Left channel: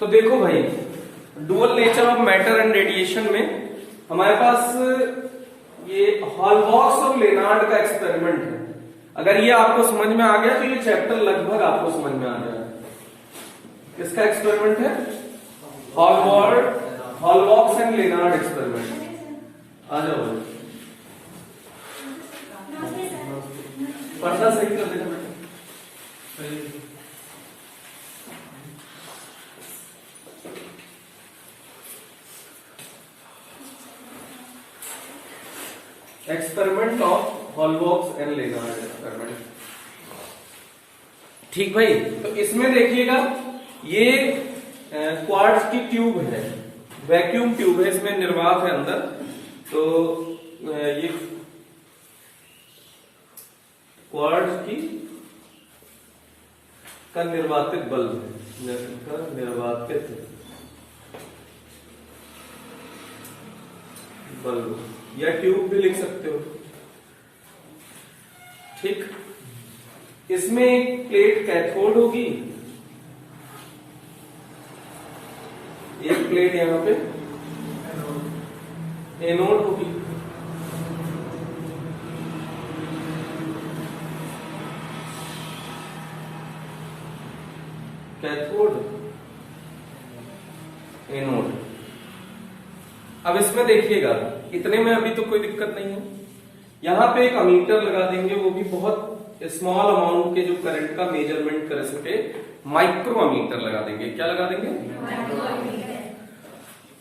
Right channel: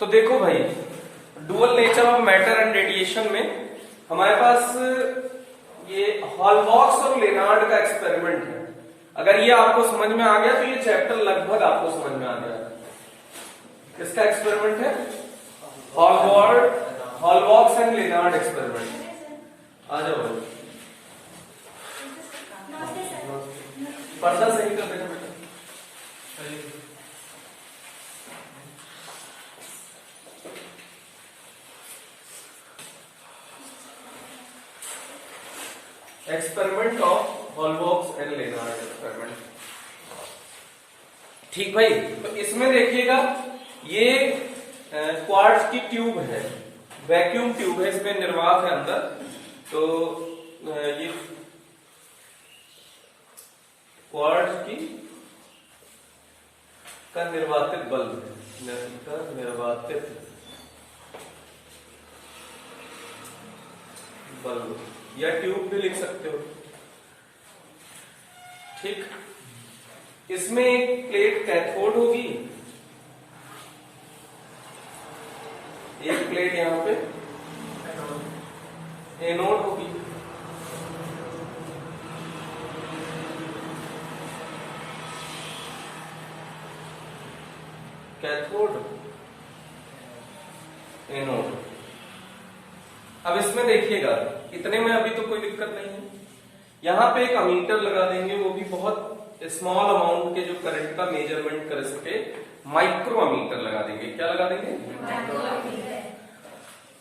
तो देखो भाई, dual nature of matter and radiation में हमारे पास ये हॉलबॉक्स और लेनार्ड का एक्सपेरिमेंट है। अगर ये आपको समझ में आ गया तो ये चैप्टर लगभग आपको समझ में आ गया। किसका एक्सपेरिमेंट है? Hallwachs and Lenard experiment. आ जाओ, पर्दा सही कर देना बेटा। Experiment of Hallwachs and Lenard experiment. ठीक भाई, तो इसमें देखिएगा ये क्वार्ट्ज की ट्यूब है, वैक्यूम ट्यूब है, इसमें निर्वात है अंदर। तो ये क्वार्ट्ज की का निर्वातित बल्ब है, निर्वातित बल्ब या ट्यूब भी लिख सकते हो। ठीक, इसमें एक प्लेट कैथोड होगी, एक प्लेट यहां पे एनोड होगी। Cathode, anode. अब इसमें देखिएगा, इतने में अभी तो कोई दिक्कत नहीं है। यहां पे एक अमीटर लगा देंगे, वो भी बहुत स्मॉल अमाउंट के जो करंट का मेजरमेंट कर सके, माइक्रोमीटर लगा देंगे। क्या लगा देंगे?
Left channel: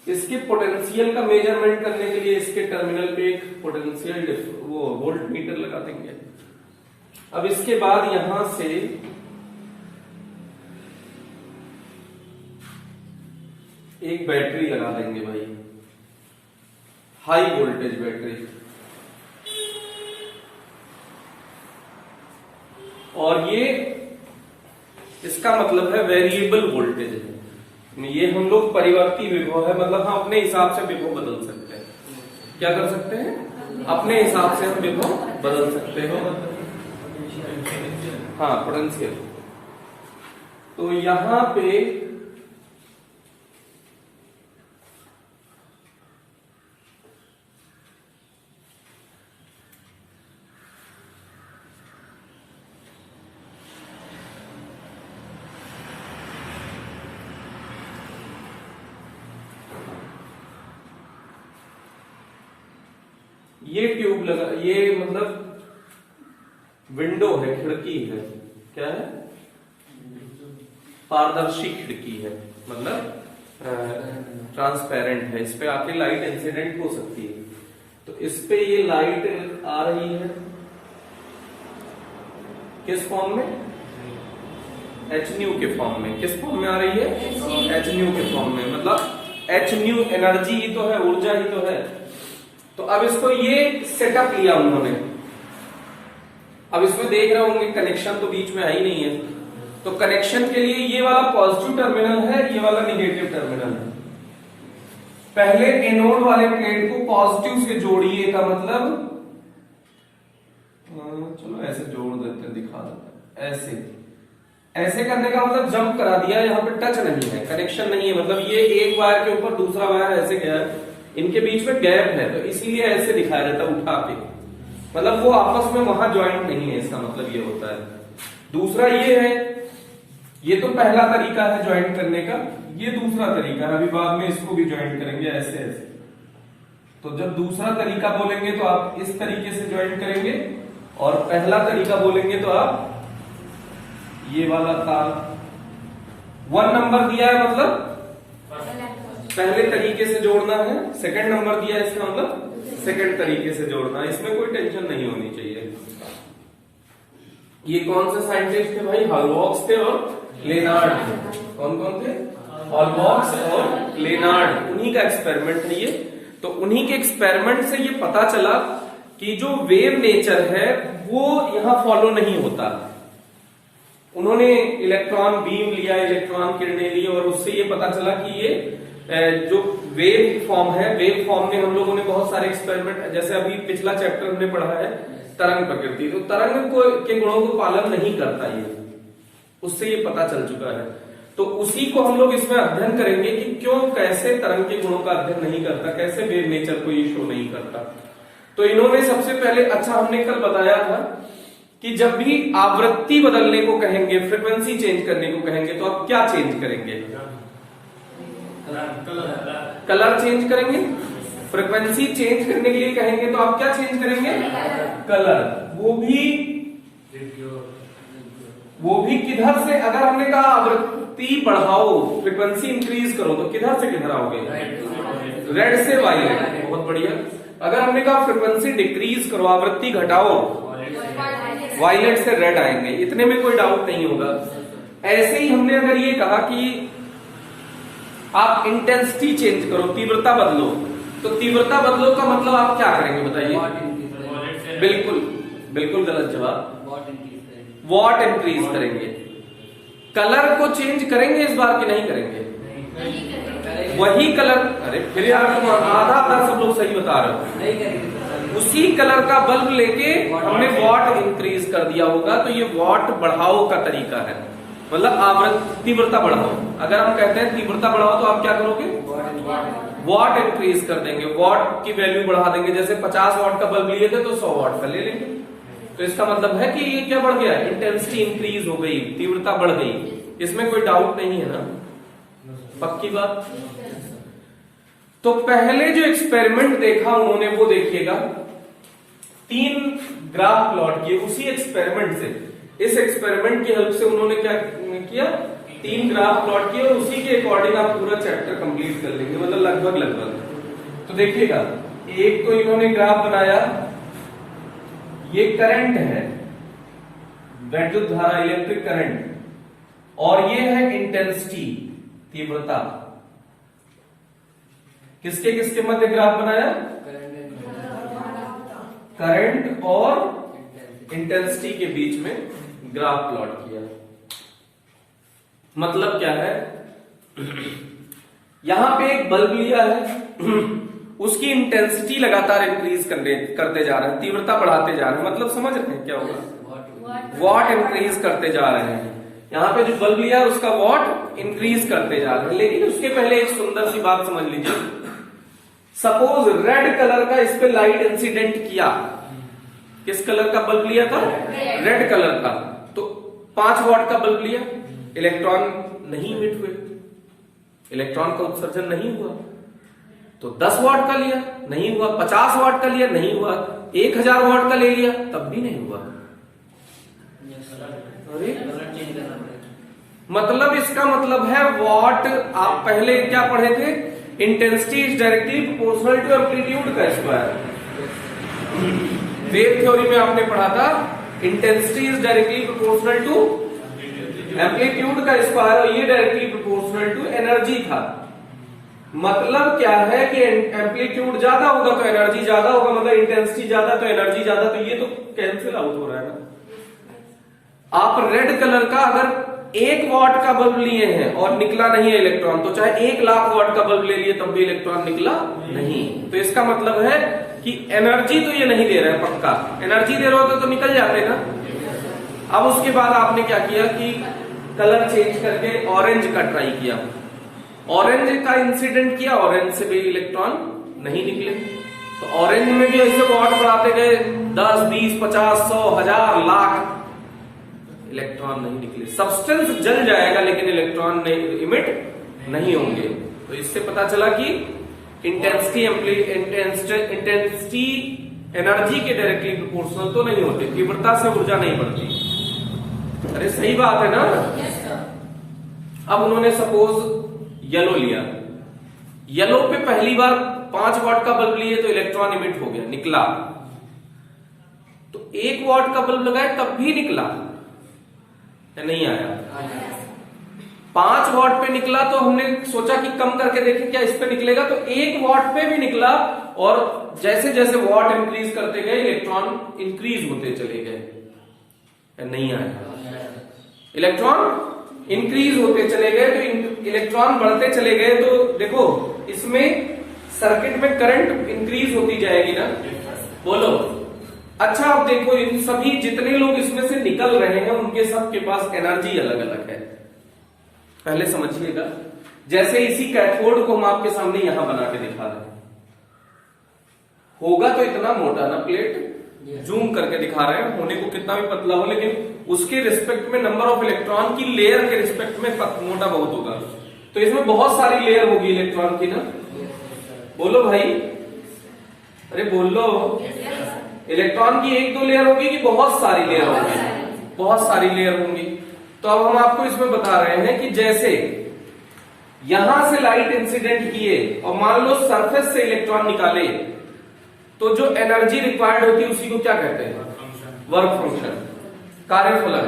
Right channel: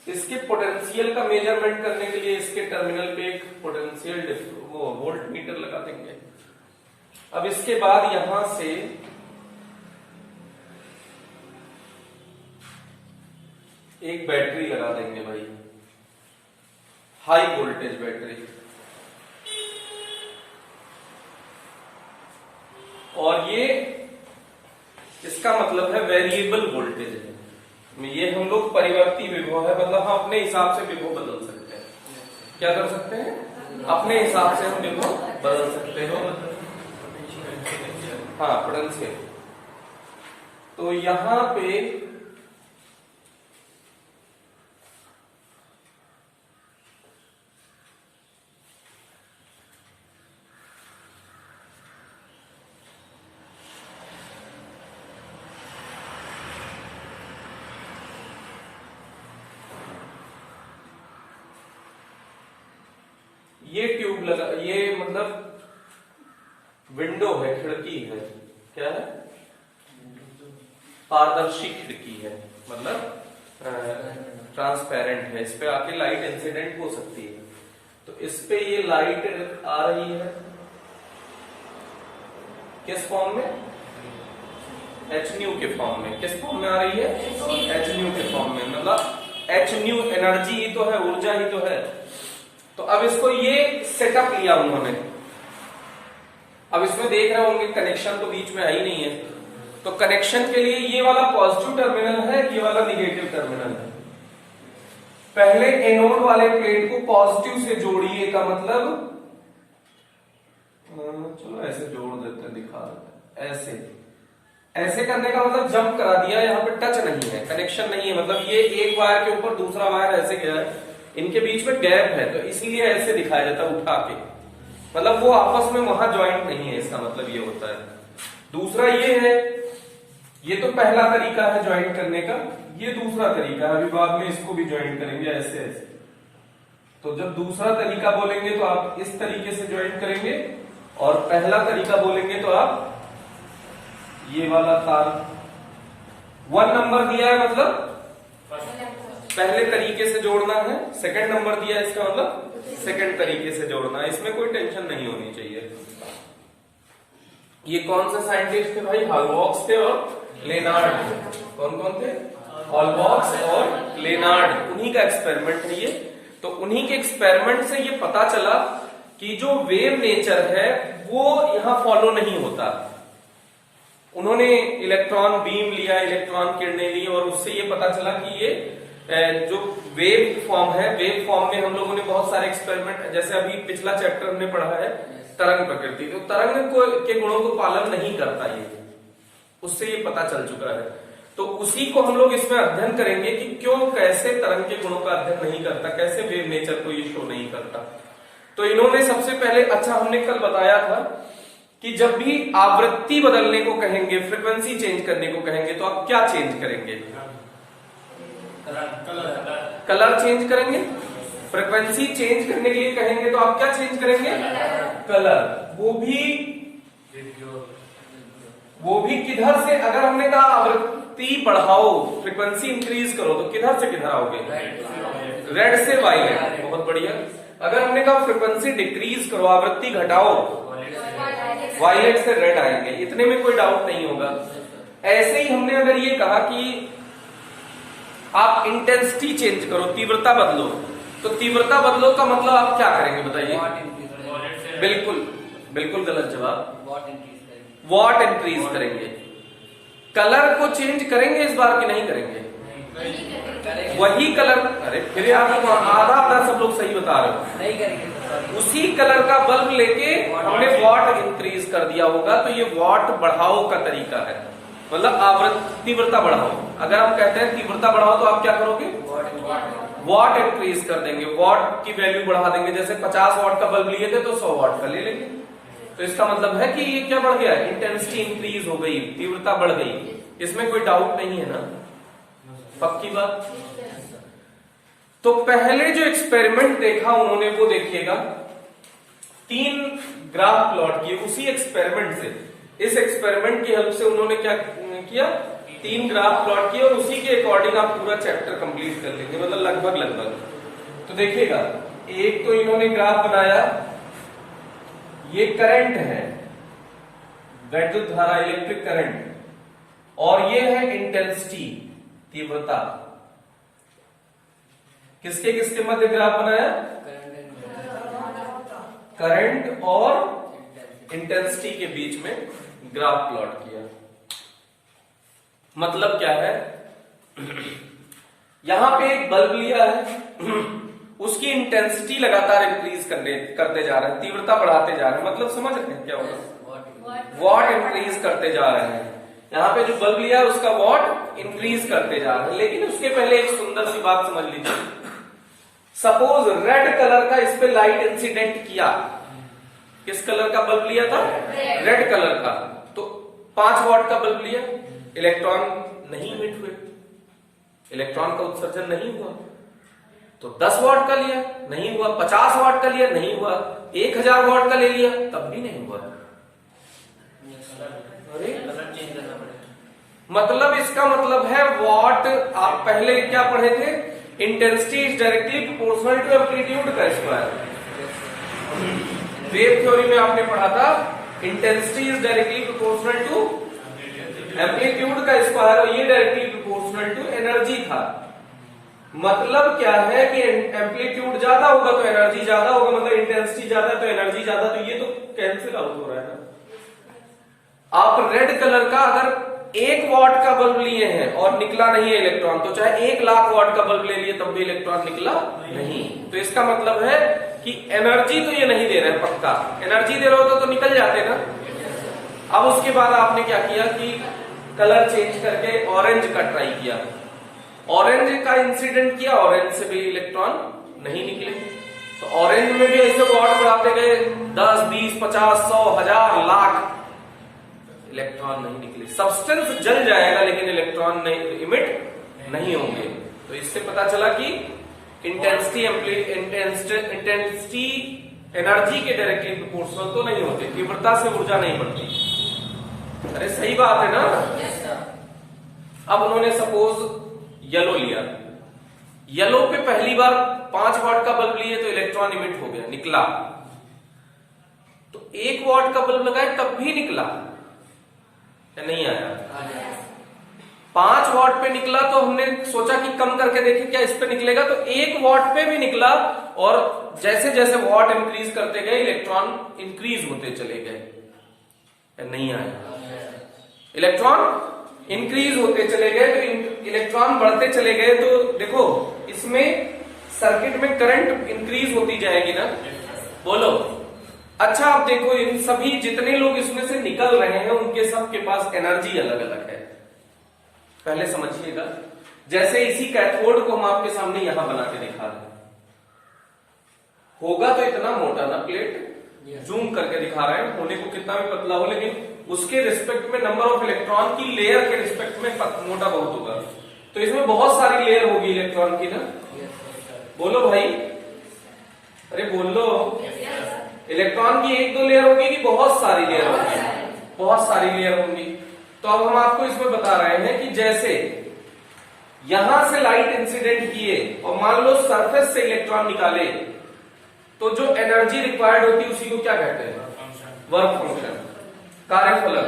इसके पोटेंशियल का मेजरमेंट करने के लिए इसके टर्मिनल पे एक पोटेंशियल वो वोल्ट मीटर लगा देंगे। अब इसके बाद यहां से एक बैटरी लगा देंगे भाई, हाई वोल्टेज बैटरी। और ये इसका मतलब है वेरिएबल वोल्टेज है। ये हम लोग परिवर्ती विभव है, मतलब हम अपने हिसाब से विभव बदल सकते हैं। क्या कर सकते हैं? अपने हिसाब से हम विभव बदल सकते हैं। हाँ, पोटेंशियल। तो यहां पे ये ट्यूब लगा, ये मतलब विंडो है, खिड़की है। क्या है? पारदर्शी खिड़की है, मतलब ट्रांसपेरेंट है। इस पे आपकी लाइट इंसिडेंट हो सकती है। तो इस पे ये लाइट आ रही है किस फॉर्म में? एच न्यू के फॉर्म में। किस फॉर्म में आ रही है? एच न्यू के फॉर्म में। मतलब एच न्यू एनर्जी ही तो है, ऊर्जा ही तो है। तो अब इसको ये सेटअप लिया उन्होंने। अब इसमें देख रहे होंगे कनेक्शन तो बीच में आई नहीं है। तो कनेक्शन के लिए ये वाला पॉजिटिव टर्मिनल है, ये वाला निगेटिव टर्मिनल है। पहले एनोड वाले प्लेट को पॉजिटिव से जोड़िए का मतलब, चलो ऐसे जोड़ देते, दिखा देते। ऐसे करने का मतलब जंप करा दिया, यहाँ पे टच नहीं है, कनेक्शन नहीं है। मतलब ये एक वायर के ऊपर दूसरा वायर ऐसे गया, इनके बीच में गैप है, तो इसलिए ऐसे दिखाया जाता है उठा के। मतलब वो आपस में वहां ज्वाइंट नहीं है, इसका मतलब ये होता है। दूसरा ये है, ये तो पहला तरीका है ज्वाइंट करने का। ये दूसरा तरीका है, अभी बाद में इसको भी ज्वाइंट करेंगे ऐसे ऐसे। तो जब दूसरा तरीका बोलेंगे तो आप इस तरीके से ज्वाइंट करेंगे, और पहला तरीका बोलेंगे तो आप ये वाला तार 1 नंबर दिया है, मतलब पहले तरीके से जोड़ना है। सेकंड नंबर दिया है, इसका मतलब सेकंड तरीके से जोड़ना है। इसमें कोई टेंशन नहीं होनी चाहिए। ये कौन से साइंटिस्ट थे भाई? हॉलबॉक्स थे और लेनार्ड थे। कौन कौन थे? हॉलबॉक्स और लेनार्ड। उन्हीं का एक्सपेरिमेंट है ये। तो उन्हीं के एक्सपेरिमेंट से ये पता चला कि जो वेव नेचर है वो यहां फॉलो नहीं होता। उन्होंने इलेक्ट्रॉन बीम लिया, इलेक्ट्रॉन किरणें ली, और उससे ये पता चला कि ये जो वेव फॉर्म है, वेव फॉर्म में हम लोगों ने बहुत सारे एक्सपेरिमेंट, जैसे अभी पिछला चैप्टर हमने पढ़ा है तरंग प्रकृति, तो तरंग को के गुणों को पालन नहीं करता ये, उससे ये पता चल चुका है। तो उसी को हम लोग इसमें अध्ययन करेंगे कि क्यों कैसे तरंग के गुणों का अध्ययन नहीं करता, कैसे वेव नेचर को ये शो नहीं करता। तो इन्होंने सबसे पहले, अच्छा हमने कल बताया था कि जब भी आवृत्ति बदलने को कहेंगे, फ्रीक्वेंसी चेंज करने को कहेंगे, तो आप क्या चेंज करेंगे? कलर चेंज करेंगे। फ्रीक्वेंसी चेंज करने के लिए कहेंगे तो आप क्या चेंज करेंगे? कलर। वो भी किधर से? अगर हमने कहा आवृत्ति बढ़ाओ, फ्रीक्वेंसी इंक्रीज करो, तो किधर से किधर आओगे? रेड से वायलेट। बहुत बढ़िया। अगर हमने कहा फ्रीक्वेंसी डिक्रीज करो, आवृत्ति घटाओ, वायलेट से रेड आएंगे। इतने में कोई डाउट नहीं होगा। ऐसे ही हमने अगर ये कहा कि आप इंटेंसिटी चेंज करो, तीव्रता बदलो, तो तीव्रता बदलो का मतलब आप क्या करेंगे बताइए? बिल्कुल गलत जवाब। वॉट इंक्रीज करेंगे। कलर को चेंज करेंगे इस बार कि नहीं करेंगे? वही कलर। अरे फिर आप आधा सब लोग सही बता रहे हो। नहीं करेंगे। उसी कलर का बल्ब लेके हमने वॉट इंक्रीज कर दिया होगा, तो ये वॉट बढ़ाओ का तरीका है। मतलब तीव्रता बढ़ाओ। अगर हम कहते हैं तीव्रता बढ़ाओ, तो आप क्या करोगे? वॉट इंक्रीज कर देंगे, वॉट की वैल्यू बढ़ा देंगे। जैसे 50 वॉट का बल्ब लिए थे तो 100 वॉट का ले लेंगे। तो इसका मतलब है कि ये क्या बढ़ गया? इंटेंसिटी इंक्रीज हो गई, तीव्रता बढ़ गई। इसमें कोई डाउट नहीं है ना? पक्की बात। तो पहले जो एक्सपेरिमेंट देखा उन्होंने, वो देखिएगा, 3 ग्राफ प्लॉट किए उसी एक्सपेरिमेंट से। इस एक्सपेरिमेंट की हेल्प से उन्होंने क्या किया? 3 ग्राफ प्लॉट किए और उसी के अकॉर्डिंग आप पूरा चैप्टर कंप्लीट कर लेंगे, मतलब लगभग। तो देखिएगा, एक तो इन्होंने ग्राफ बनाया, ये करंट है, वैद्युत धारा, इलेक्ट्रिक करंट, और ये है इंटेंसिटी, तीव्रता। किसके किसके मध्य ग्राफ बनाया? करंट और इंटेंसिटी के बीच में ग्राफ प्लॉट किया। मतलब क्या है? यहां पे एक बल्ब लिया है, उसकी इंटेंसिटी लगातार इंक्रीज करते जा रहे हैं, तीव्रता बढ़ाते जा रहे हैं। मतलब समझ रहे हैं क्या होगा? वॉट इंक्रीज करते जा रहे हैं। यहाँ पे जो बल्ब लिया है उसका वॉट इंक्रीज करते जा रहे हैं। लेकिन उसके पहले एक सुंदर सी बात समझ लीजिए। सपोज रेड कलर का इस पे लाइट इंसिडेंट किया। किस कलर का बल्ब लिया था? रेड कलर का। तो 5 वॉट का बल्ब लिया, इलेक्ट्रॉन नहीं इमिट हुए, इलेक्ट्रॉन का उत्सर्जन नहीं हुआ। तो 10 वॉट का लिया, नहीं हुआ। 50 वॉट का लिया, नहीं हुआ। 1000 वॉट का ले लिया, तब भी नहीं हुआ। अरे मतलब इसका मतलब है वॉट, आप पहले क्या पढ़े थे? Intensity is directly proportional to amplitude का स्क्वायर। वेव थ्योरी में आपने पढ़ा था intensity is directly proportional to amplitude का स्क्वायर, और ये डायरेक्टली प्रोपोर्शनल टू एनर्जी था। मतलब क्या है कि एम्पलीट्यूड ज्यादा होगा तो एनर्जी ज्यादा होगा, मतलब इंटेंसिटी ज्यादा तो एनर्जी ज्यादा। तो ये तो कैंसिल आउट हो रहा है ना। आप रेड कलर का अगर 1 वॉट का बल्ब लिए हैं और निकला नहीं है इलेक्ट्रॉन, तो चाहे 1 लाख वॉट का बल्ब ले लिए तब भी इलेक्ट्रॉन निकला नहीं। तो इसका मतलब है कि एनर्जी तो ये नहीं दे रहे, पक्का एनर्जी दे रहे हो तो निकल जाते ना। अब उसके बाद आपने क्या किया कि कलर चेंज करके ऑरेंज का ट्राई किया, ऑरेंज का इंसिडेंट किया, ऑरेंज से भी इलेक्ट्रॉन नहीं निकले। तो ऑरेंज में भी ऐसे वॉट बढ़ाते गए, 10, 20, 50, 100, 1000, लाख, इलेक्ट्रॉन नहीं निकले। सब्सटेंस जल जाएगा लेकिन इलेक्ट्रॉन नहीं इमिट नहीं होंगे। तो इससे पता चला कि इंटेंसिटी एनर्जी के डायरेक्टली प्रोपोर्शनल तो नहीं होते, तीव्रता से ऊर्जा नहीं बढ़ती। अरे सही बात है ना। अब उन्होंने सपोज येलो लिया, येलो पे पहली बार 5 वॉट का बल्ब लिए तो इलेक्ट्रॉन इमिट हो गया, निकला। तो 1 वॉट का बल्ब लगाए तब भी निकला, नहीं आया। 5 वॉट पे निकला तो हमने सोचा कि कम करके देखें क्या इस पे निकलेगा, तो 1 वॉट पे भी निकला। और जैसे जैसे वॉट इंक्रीज करते गए इलेक्ट्रॉन इंक्रीज होते चले गए, नहीं आया। इलेक्ट्रॉन इंक्रीज होते चले गए तो इलेक्ट्रॉन बढ़ते चले गए। तो देखो इसमें सर्किट में करंट इंक्रीज होती जाएगी ना, बोलो। अच्छा अब देखो इन सभी जितने लोग इसमें से निकल रहे हैं उनके सबके पास एनर्जी अलग अलग है पहले समझिएगा। जैसे इसी कैथोड को हम आपके सामने यहां बना के दिखा रहे हैं, होगा तो इतना मोटा ना प्लेट, जूम करके दिखा रहे हैं, होने को कितना भी पतला हो, लेकिन उसके रिस्पेक्ट में नंबर ऑफ इलेक्ट्रॉन की लेयर के रिस्पेक्ट में मोटा बहुत होगा। तो इसमें बहुत सारी लेयर होगी इलेक्ट्रॉन की ना, बोलो भाई, अरे बोल लो। इलेक्ट्रॉन की एक दो लेयर होगी कि बहुत सारी लेयर होगी? बहुत सारी लेयर होंगी। तो अब हम आपको इसमें बता रहे हैं कि जैसे यहां से लाइट इंसिडेंट किए और मान लो सरफेस से इलेक्ट्रॉन निकाले, तो जो एनर्जी रिक्वायर्ड होती है उसी को क्या कहते हैं? वर्क फंक्शन, कार्यफलन।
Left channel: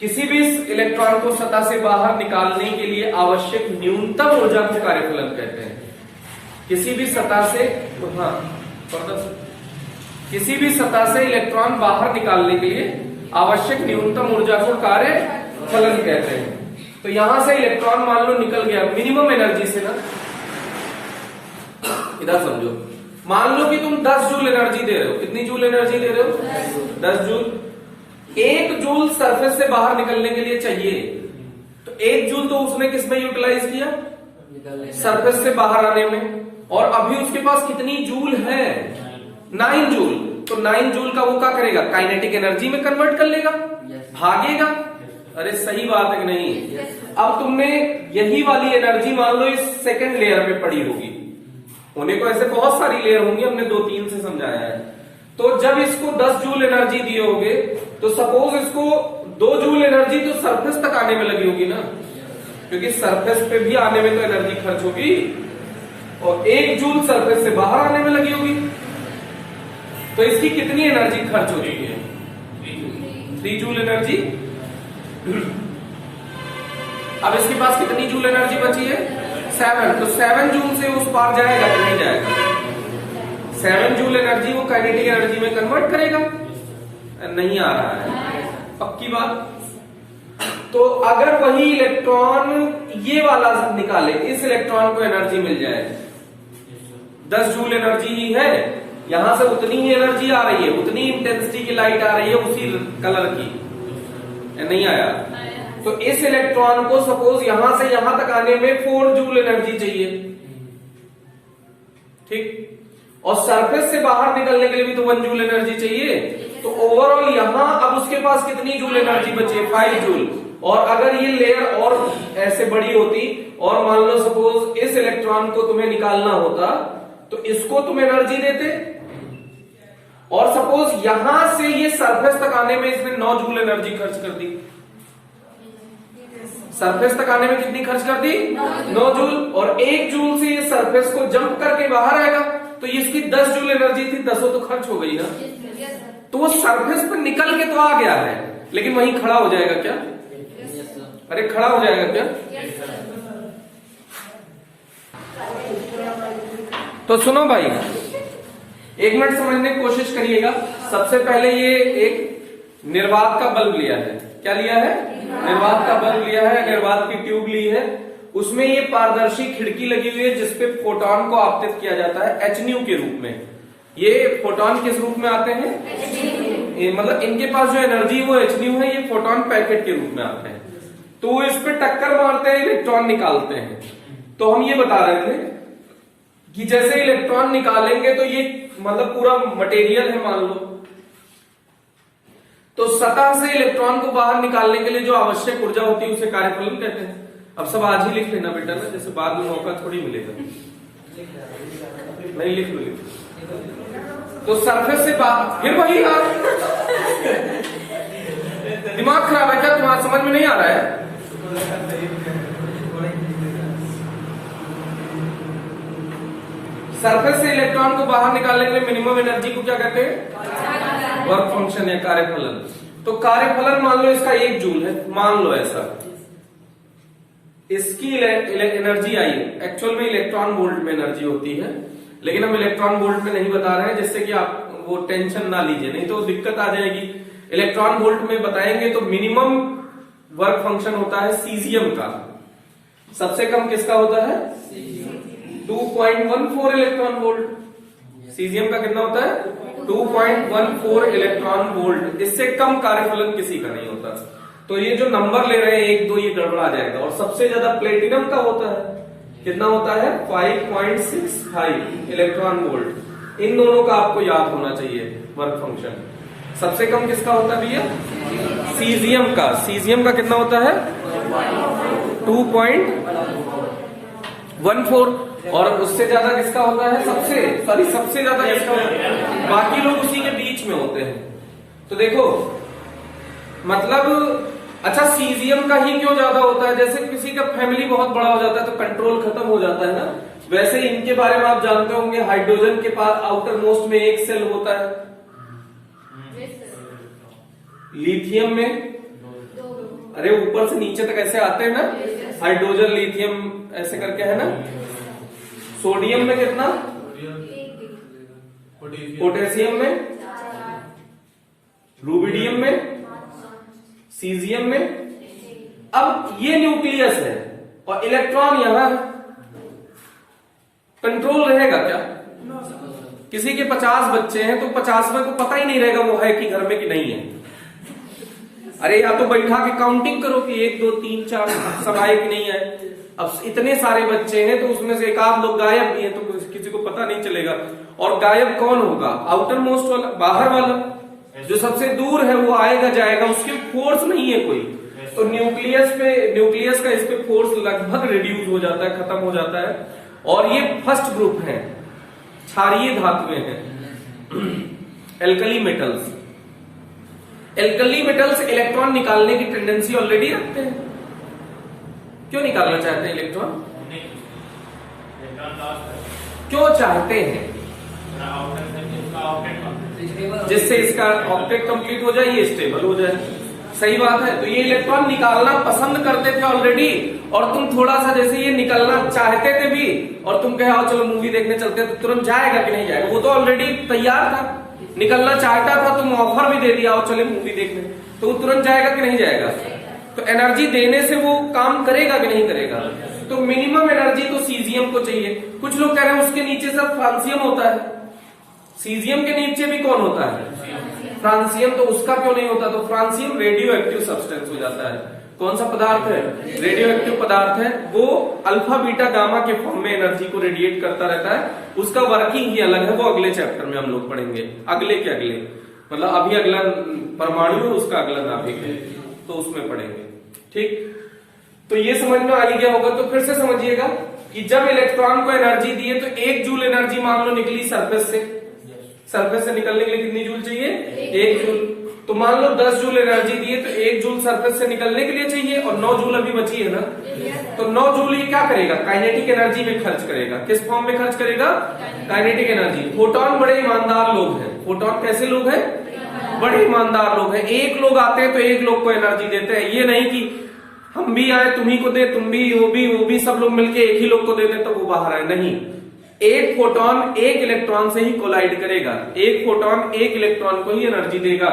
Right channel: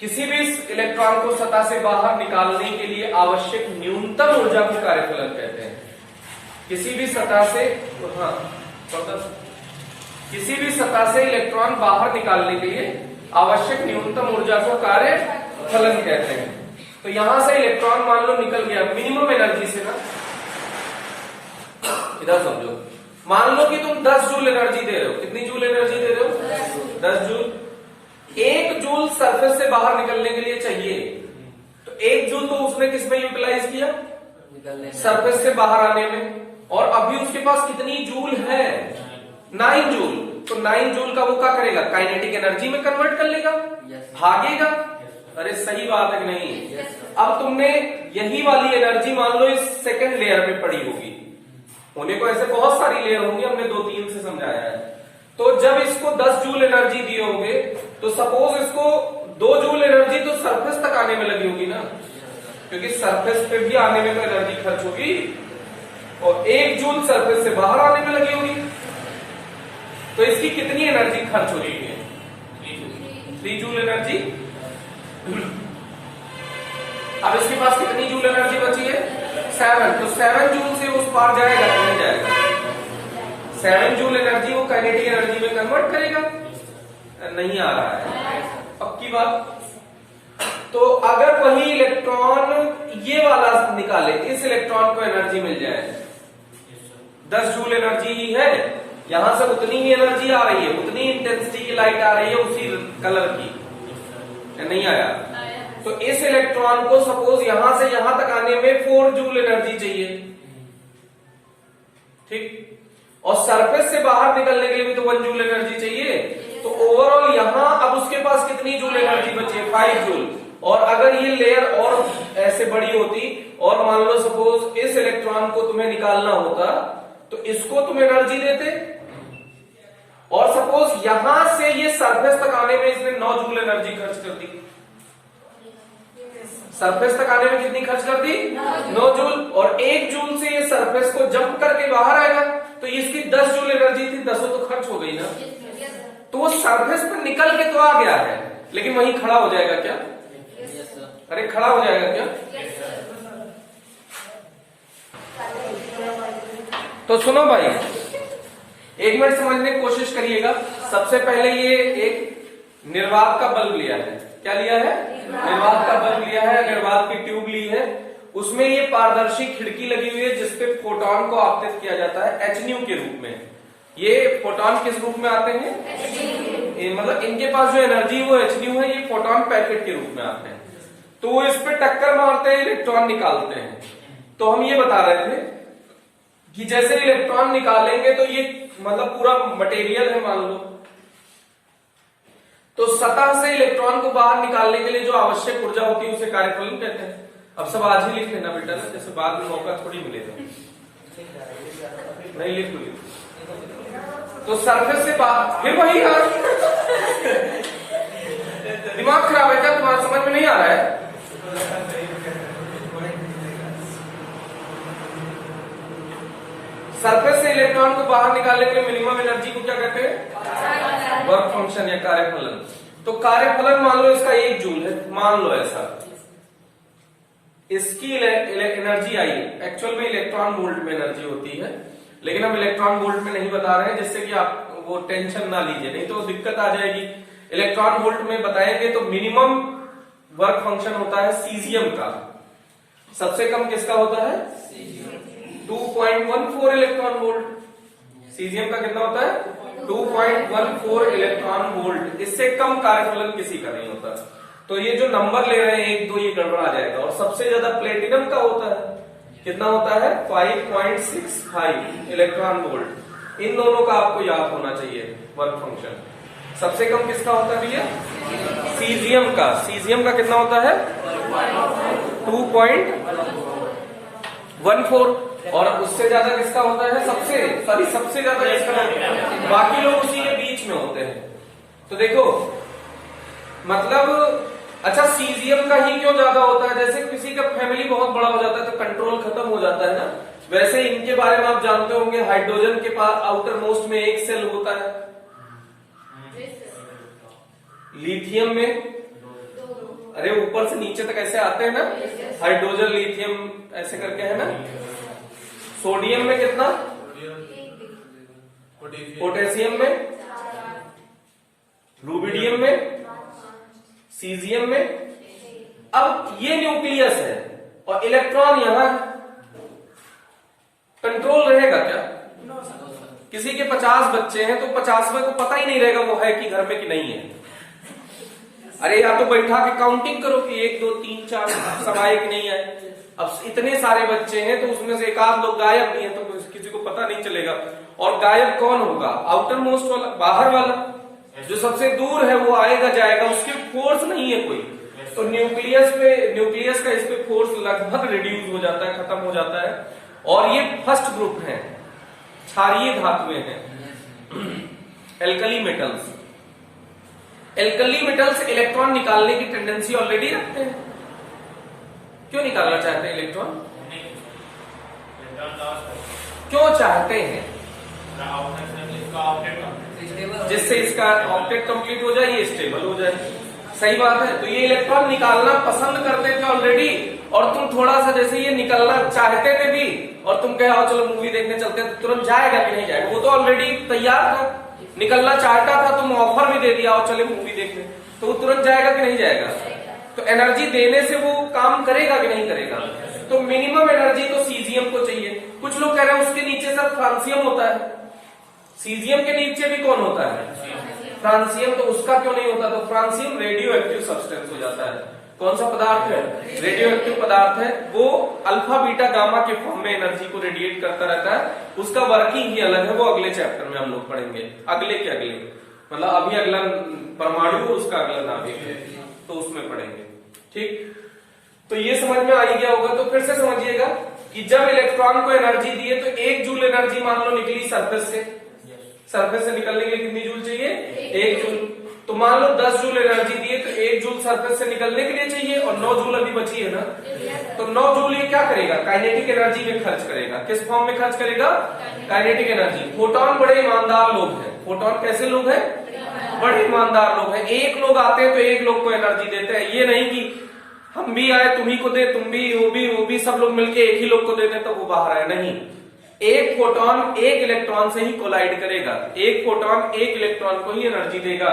किसी भी इलेक्ट्रॉन को सतह से बाहर निकालने के लिए आवश्यक न्यूनतम ऊर्जा को कार्यफलन कहते हैं। किसी भी सतह से, हाँ, किसी भी सतह से इलेक्ट्रॉन बाहर निकालने के लिए आवश्यक न्यूनतम ऊर्जा को कार्यफलन कहते हैं। तो यहां से इलेक्ट्रॉन मान लो निकल गया मिनिमम एनर्जी से ना, इधर समझो, मान लो कि तुम 10 जूल एनर्जी दे रहे हो। कितनी जूल एनर्जी दे रहे हो? 10 जूल। 1 जूल सरफेस से बाहर निकलने के लिए चाहिए, तो 1 जूल तो उसने किस में यूटिलाइज किया? सरफेस से बाहर आने में। और अभी उसके पास कितनी जूल है? 9 जूल। तो 9 जूल का वो क्या करेगा? काइनेटिक एनर्जी में कन्वर्ट कर लेगा, भागेगा। अरे सही बात है कि नहीं? अब तुमने यही वाली एनर्जी मान लो इस सेकंड लेयर में पड़ी होगी, होने को ऐसे बहुत सारी लेयर होंगी, हमने 2-3 से समझाया है। तो जब इसको 10 जूल एनर्जी दिए होगे, तो सपोज इसको 2 जूल एनर्जी तो सरफेस तक आने में लगी होगी ना, क्योंकि सरफेस पे भी आने में तो एनर्जी खर्च होगी, और 1 जूल सरफेस से बाहर आने में लगी होगी। तो इसकी कितनी एनर्जी खर्च हो रही है? 3 जूल एनर्जी। अब इसके पास कितनी जूल एनर्जी बची है? 7। तो 7 जूल से उस पार जाएगा कि नहीं जाएगा? 7 जूल एनर्जी वो काइनेटिक एनर्जी में कन्वर्ट करेगा? नहीं आ रहा है, पक्की बात। तो अगर वही इलेक्ट्रॉन ये वाला निकाले, इस इलेक्ट्रॉन को एनर्जी मिल जाए, 10 जूल एनर्जी ही है, यहां से उतनी ही एनर्जी आ रही है, उतनी इंटेंसिटी की लाइट आ रही है उसी कलर की, नहीं आया? तो इस इलेक्ट्रॉन को सपोज यहां से यहां तक आने में 4 जूल एनर्जी चाहिए, ठीक? और सरफेस से बाहर निकलने के लिए भी तो 1 जूल एनर्जी चाहिए। तो ओवरऑल यहां अब उसके पास कितनी जूल एनर्जी बची है? 5 जूल। और अगर ये लेयर और ऐसे बड़ी होती और मान लो सपोज इस इलेक्ट्रॉन को तुम्हें निकालना होता, तो इसको तुम एनर्जी देते, और सपोज यहां से ये सरफेस तक आने में इसने 9 जूल एनर्जी खर्च कर दी। सरफेस तक आने में कितनी खर्च कर दी? 9 जूल। और 1 जूल से ये सरफेस को जंप करके बाहर आएगा, तो इसकी 10 जूल एनर्जी थी, 10 तो खर्च हो गई ना। तो वो सरफेस पर निकल के तो आ गया है, लेकिन वहीं खड़ा हो जाएगा क्या? अरे खड़ा हो जाएगा क्या? तो सुनो भाई, 1 मिनट समझने की कोशिश करिएगा। सबसे पहले ये एक निर्वात का बल्ब लिया है। क्या लिया है? निर्वात का बल्ब लिया है, निर्वात की ट्यूब ली है, उसमें ये पारदर्शी खिड़की लगी हुई है जिसपे फोटोन को आपतित किया जाता है HNU के रूप में। ये फोटोन किस रूप में आते हैं? मतलब इनके पास जो एनर्जी है वो HNU है, ये फोटोन पैकेट के रूप में आते हैं। तो वो इस पे टक्कर मारते हैं, इलेक्ट्रॉन निकालते हैं। तो हम ये बता रहे थे कि जैसे इलेक्ट्रॉन निकालेंगे तो ये मतलब पूरा मटेरियल है मान लो, तो सतह से इलेक्ट्रॉन को बाहर निकालने के लिए जो आवश्यक ऊर्जा होती है उसे कार्यफलन कहते हैं। अब सब आज ही लिख लेना बेटा ना, जैसे बाद में मौका थोड़ी मिलेगा। नहीं लिख लो। तो सरफेस से बाहर, फिर वही यार दिमाग खराब है क्या तुम्हारा? समझ में नहीं आ रहा है? सरफेस से इलेक्ट्रॉन को बाहर निकालने में मिनिमम एनर्जी को क्या कहते हैं? वर्क फंक्शन या कार्यफलन। तो कार्यफलन मान लो इसका 1 जूल है, मान लो ऐसा, इसकी एनर्जी आई, एक्चुअल में इलेक्ट्रॉन वोल्ट में एनर्जी होती है, लेकिन हम इलेक्ट्रॉन वोल्ट में नहीं बता रहे हैं, जिससे कि आप वो टेंशन ना लीजिए, नहीं तो दिक्कत आ जाएगी। इलेक्ट्रॉन वोल्ट में बताएंगे तो मिनिमम वर्क फंक्शन होता है सीजियम का, सबसे कम किसका होता है? 2.14 इलेक्ट्रॉन वोल्ट। सीजियम का कितना होता है? 2.14 इलेक्ट्रॉन वोल्ट। इससे कम कार्यफलन किसी का नहीं होता। तो ये जो नंबर ले रहे हैं 1 2 ये गड़बड़ा जाएगा। और सबसे ज्यादा प्लेटिनम का होता है, कितना होता है 5.65 इलेक्ट्रॉन वोल्ट। इन दोनों का आपको याद होना चाहिए वर्क फंक्शन। सबसे कम किसका होता है भैया, सीजियम का। सीजियम का कितना होता है 2.14 और उससे ज्यादा किसका होता है सबसे ज्यादा किसका है, बाकी लोग उसी के बीच में होते हैं। तो देखो मतलब अच्छा सीजियम का ही क्यों ज्यादा होता है, जैसे किसी का फैमिली बहुत बड़ा हो जाता है तो कंट्रोल खत्म हो जाता है ना, वैसे इनके बारे में आप जानते होंगे हाइड्रोजन के पास आउटर मोस्ट में एक सेल होता है, लिथियम में अरे ऊपर से नीचे तक ऐसे आते हैं ना, हाइड्रोजन लिथियम ऐसे करके है ना। सोडियम में कितना, पोटेशियम में, रुबिडियम में, सीजियम में। अब ये न्यूक्लियस है और इलेक्ट्रॉन यहां कंट्रोल रहेगा क्या, किसी के 50 बच्चे हैं तो 50 में को पता ही नहीं रहेगा वो है कि घर में कि नहीं है। अरे या तो बैठा के काउंटिंग करो कि 1 2 3 4 सब आए कि नहीं आए। अब इतने सारे बच्चे हैं तो उसमें से एक आध लोग गायब नहीं है तो किसी को पता नहीं चलेगा। और गायब कौन होगा, आउटर मोस्ट वाला, बाहर वाला जो सबसे दूर है वो आएगा जाएगा, उसके फोर्स नहीं है कोई। तो न्यूक्लियस का इस पे फोर्स लगभग रिड्यूस हो जाता है, खत्म हो जाता है। और ये फर्स्ट ग्रुप है, क्षारीय धातुएं हैं, alkali metals. Alkali metals electron निकालने की टेंडेंसी ऑलरेडी रखते हैं। क्यों निकालना चाहते हैं इलेक्ट्रॉन, क्यों चाहते हैं, जिससे इसका ऑक्टेट कंप्लीट हो जाए, ये स्टेबल हो जाए। सही बात है। तो ये इलेक्ट्रॉन निकालना पसंद करते थे ऑलरेडी, और तुम थोड़ा सा जैसे ये निकलना चाहते थे भी और तुम कहे आओ चलो मूवी देखने चलते हैं, तो तुरंत जाएगा कि नहीं जाएगा, वो तो ऑलरेडी तैयार था, निकलना चाहता था, तुम ऑफर भी दे दिया और चले मूवी देखने, तो वो तुरंत जाएगा कि नहीं जाएगा। तो एनर्जी देने से वो काम करेगा कि नहीं करेगा। तो मिनिमम एनर्जी तो सीजियम को चाहिए। कुछ लोग कह रहे हैं उसके नीचे सब फ्रांसियम होता है, सीजियम के नीचे भी कौन होता है, फ्रांसियम। तो उसका क्यों नहीं होता, तो फ्रांसियम रेडियो एक्टिव सब्सटेंस हो जाता है। कौन सा पदार्थ है, रेडियो एक्टिव पदार्थ है। वो अल्फा बीटा गामा के फॉर्म में एनर्जी को रेडिएट करता रहता है। उसका वर्किंग ही अलग है, वो अगले चैप्टर में हम लोग पढ़ेंगे, अगले के अगले, मतलब अभी अगला परमाणु उसका अगला नाभिक है तो उसमें पढ़ेंगे। ठीक, तो ये समझ में आ गया होगा। तो फिर से समझिएगा कि जब इलेक्ट्रॉन को एनर्जी दिए तो 1 जूल एनर्जी मान लो निकली सरफेस से, सरफेस से निकलने के लिए कितनी जूल चाहिए, 1 जूल। तो मान लो 10 जूल एनर्जी दिए तो 1 जूल सरफेस से निकलने के लिए चाहिए और 9 जूल अभी बची है ना। तो 9 जूल ये क्या करेगा, काइनेटिक एनर्जी में खर्च करेगा। किस फॉर्म में खर्च करेगा, काइनेटिक एनर्जी। फोटोन बड़े ईमानदार लोग हैं, फोटोन कैसे लोग हैं, बड़े ईमानदार लोग हैं। एक लोग आते हैं तो एक लोग को एनर्जी देते हैं, ये नहीं कि हम भी आए तुम्ही को दे, तुम भी वो भी सब लोग मिलके एक ही लोग को दे दे तो वो बाहर आए, नहीं। एक फोटोन एक इलेक्ट्रॉन से ही कोलाइड करेगा, एक फोटोन एक इलेक्ट्रॉन को ही एनर्जी देगा।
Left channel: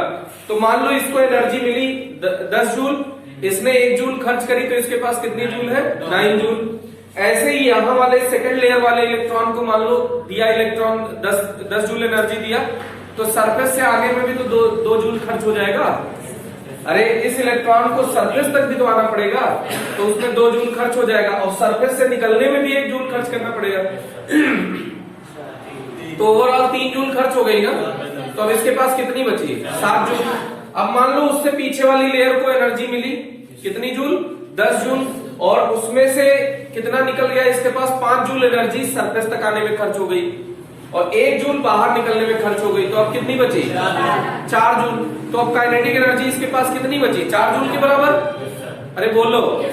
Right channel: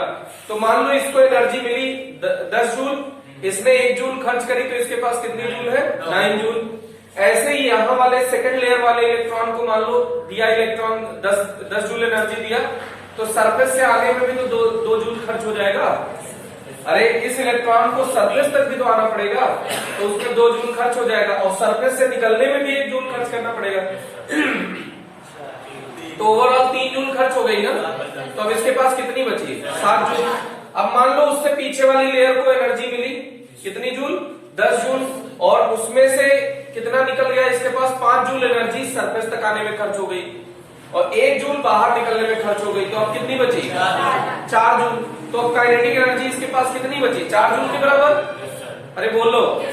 तो मान लो इसको एनर्जी मिली 10 जूल, इसने 1 जूल खर्च करी तो इसके पास कितनी जूल है, 9 जूल। ऐसे ही यहाँ वाले सेकंड लेयर वाले इलेक्ट्रॉन को मान लो दिया इलेक्ट्रॉन 10 जूल एनर्जी दिया, तो सरफेस से आगे में भी तो 2 जूल खर्च हो जाएगा। अरे इस इलेक्ट्रॉन को सरफेस तक भिजवाना पड़ेगा तो उसमें 2 जूल खर्च हो जाएगा, और सरफेस से निकलने में भी 1 जूल खर्च करना पड़ेगा। तो ओवरऑल 3 जूल खर्च हो गई ना। तो अब इसके पास कितनी बची, 7 जूल। अब मान लो उससे पीछे वाली लेयर को एनर्जी मिली कितनी जूल, 10 जूल, और उसमें से कितना निकल गया, इसके पास 5 जूल एनर्जी सरफेस तक आने में खर्च हो गई और 1 जूल बाहर निकलने में खर्च हो गई। तो अब कितनी बची, 4 जूल। तो अब काइनेटिक एनर्जी इसके पास कितनी बची, 4 जूल के बराबर। अरे बोलो।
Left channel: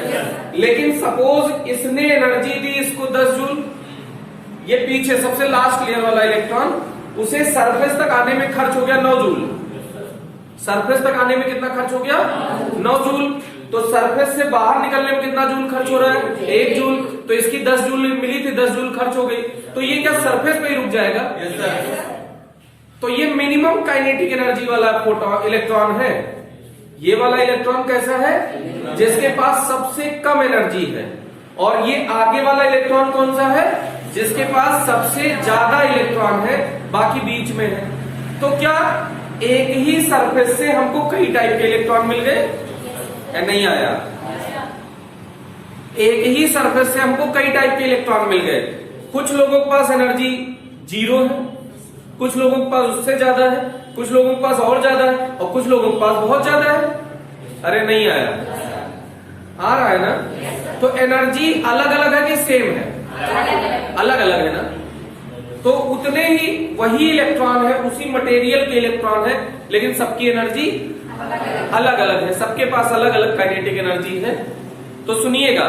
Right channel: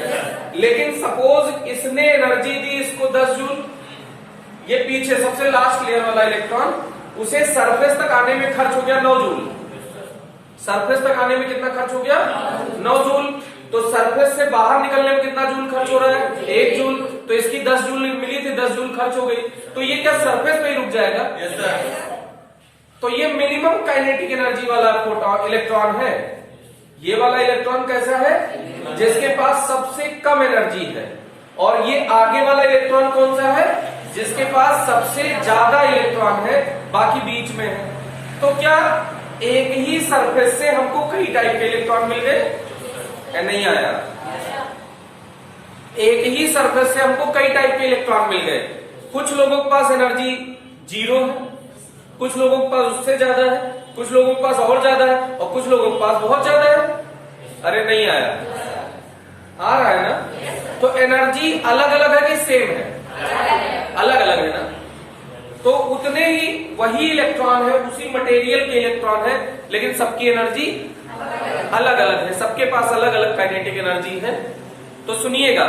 लेकिन सपोज इसने एनर्जी दी इसको 10 जूल, ये पीछे सबसे लास्ट लेयर वाला इलेक्ट्रॉन, उसे सरफेस तक आने में खर्च हो गया 9 जूल। सरफेस तक आने में कितना खर्च हो गया, 9 जूल। तो सरफेस से बाहर निकलने में कितना जूल खर्च हो रहा है, 1 जूल। तो इसकी 10 जूल मिली थी, 10 जूल खर्च हो गई। तो ये क्या सरफेस पे ही रुक जाएगा। तो ये मिनिमम काइनेटिक एनर्जी वाला फोटोन इलेक्ट्रॉन है। ये वाला इलेक्ट्रॉन कैसा है, जिसके पास सबसे कम एनर्जी है। और ये आगे वाला इलेक्ट्रॉन कौन सा है, जिसके पास सबसे ज्यादा इलेक्ट्रॉन है, बाकी बीच में है। तो क्या एक ही सरफेस से हमको कई टाइप के इलेक्ट्रॉन मिल गए, नहीं आया। एक ही सरफेस से हमको कई टाइप के इलेक्ट्रॉन मिल गए। कुछ लोगों के पास एनर्जी 0 है, कुछ लोगों के पास उससे ज्यादा है, कुछ लोगों के पास और ज्यादा है, और कुछ लोगों के पास बहुत ज्यादा है। अरे नहीं आया, आ रहा है ना? तो एनर्जी अलग अलग है कि सेम है? अलग अलग है ना? तो उतने ही वही इलेक्ट्रॉन है, उसी मटेरियल के इलेक्ट्रॉन है, लेकिन सबकी एनर्जी अलग अलग है, सबके पास अलग अलग काइनेटिक एनर्जी है। तो सुनिएगा,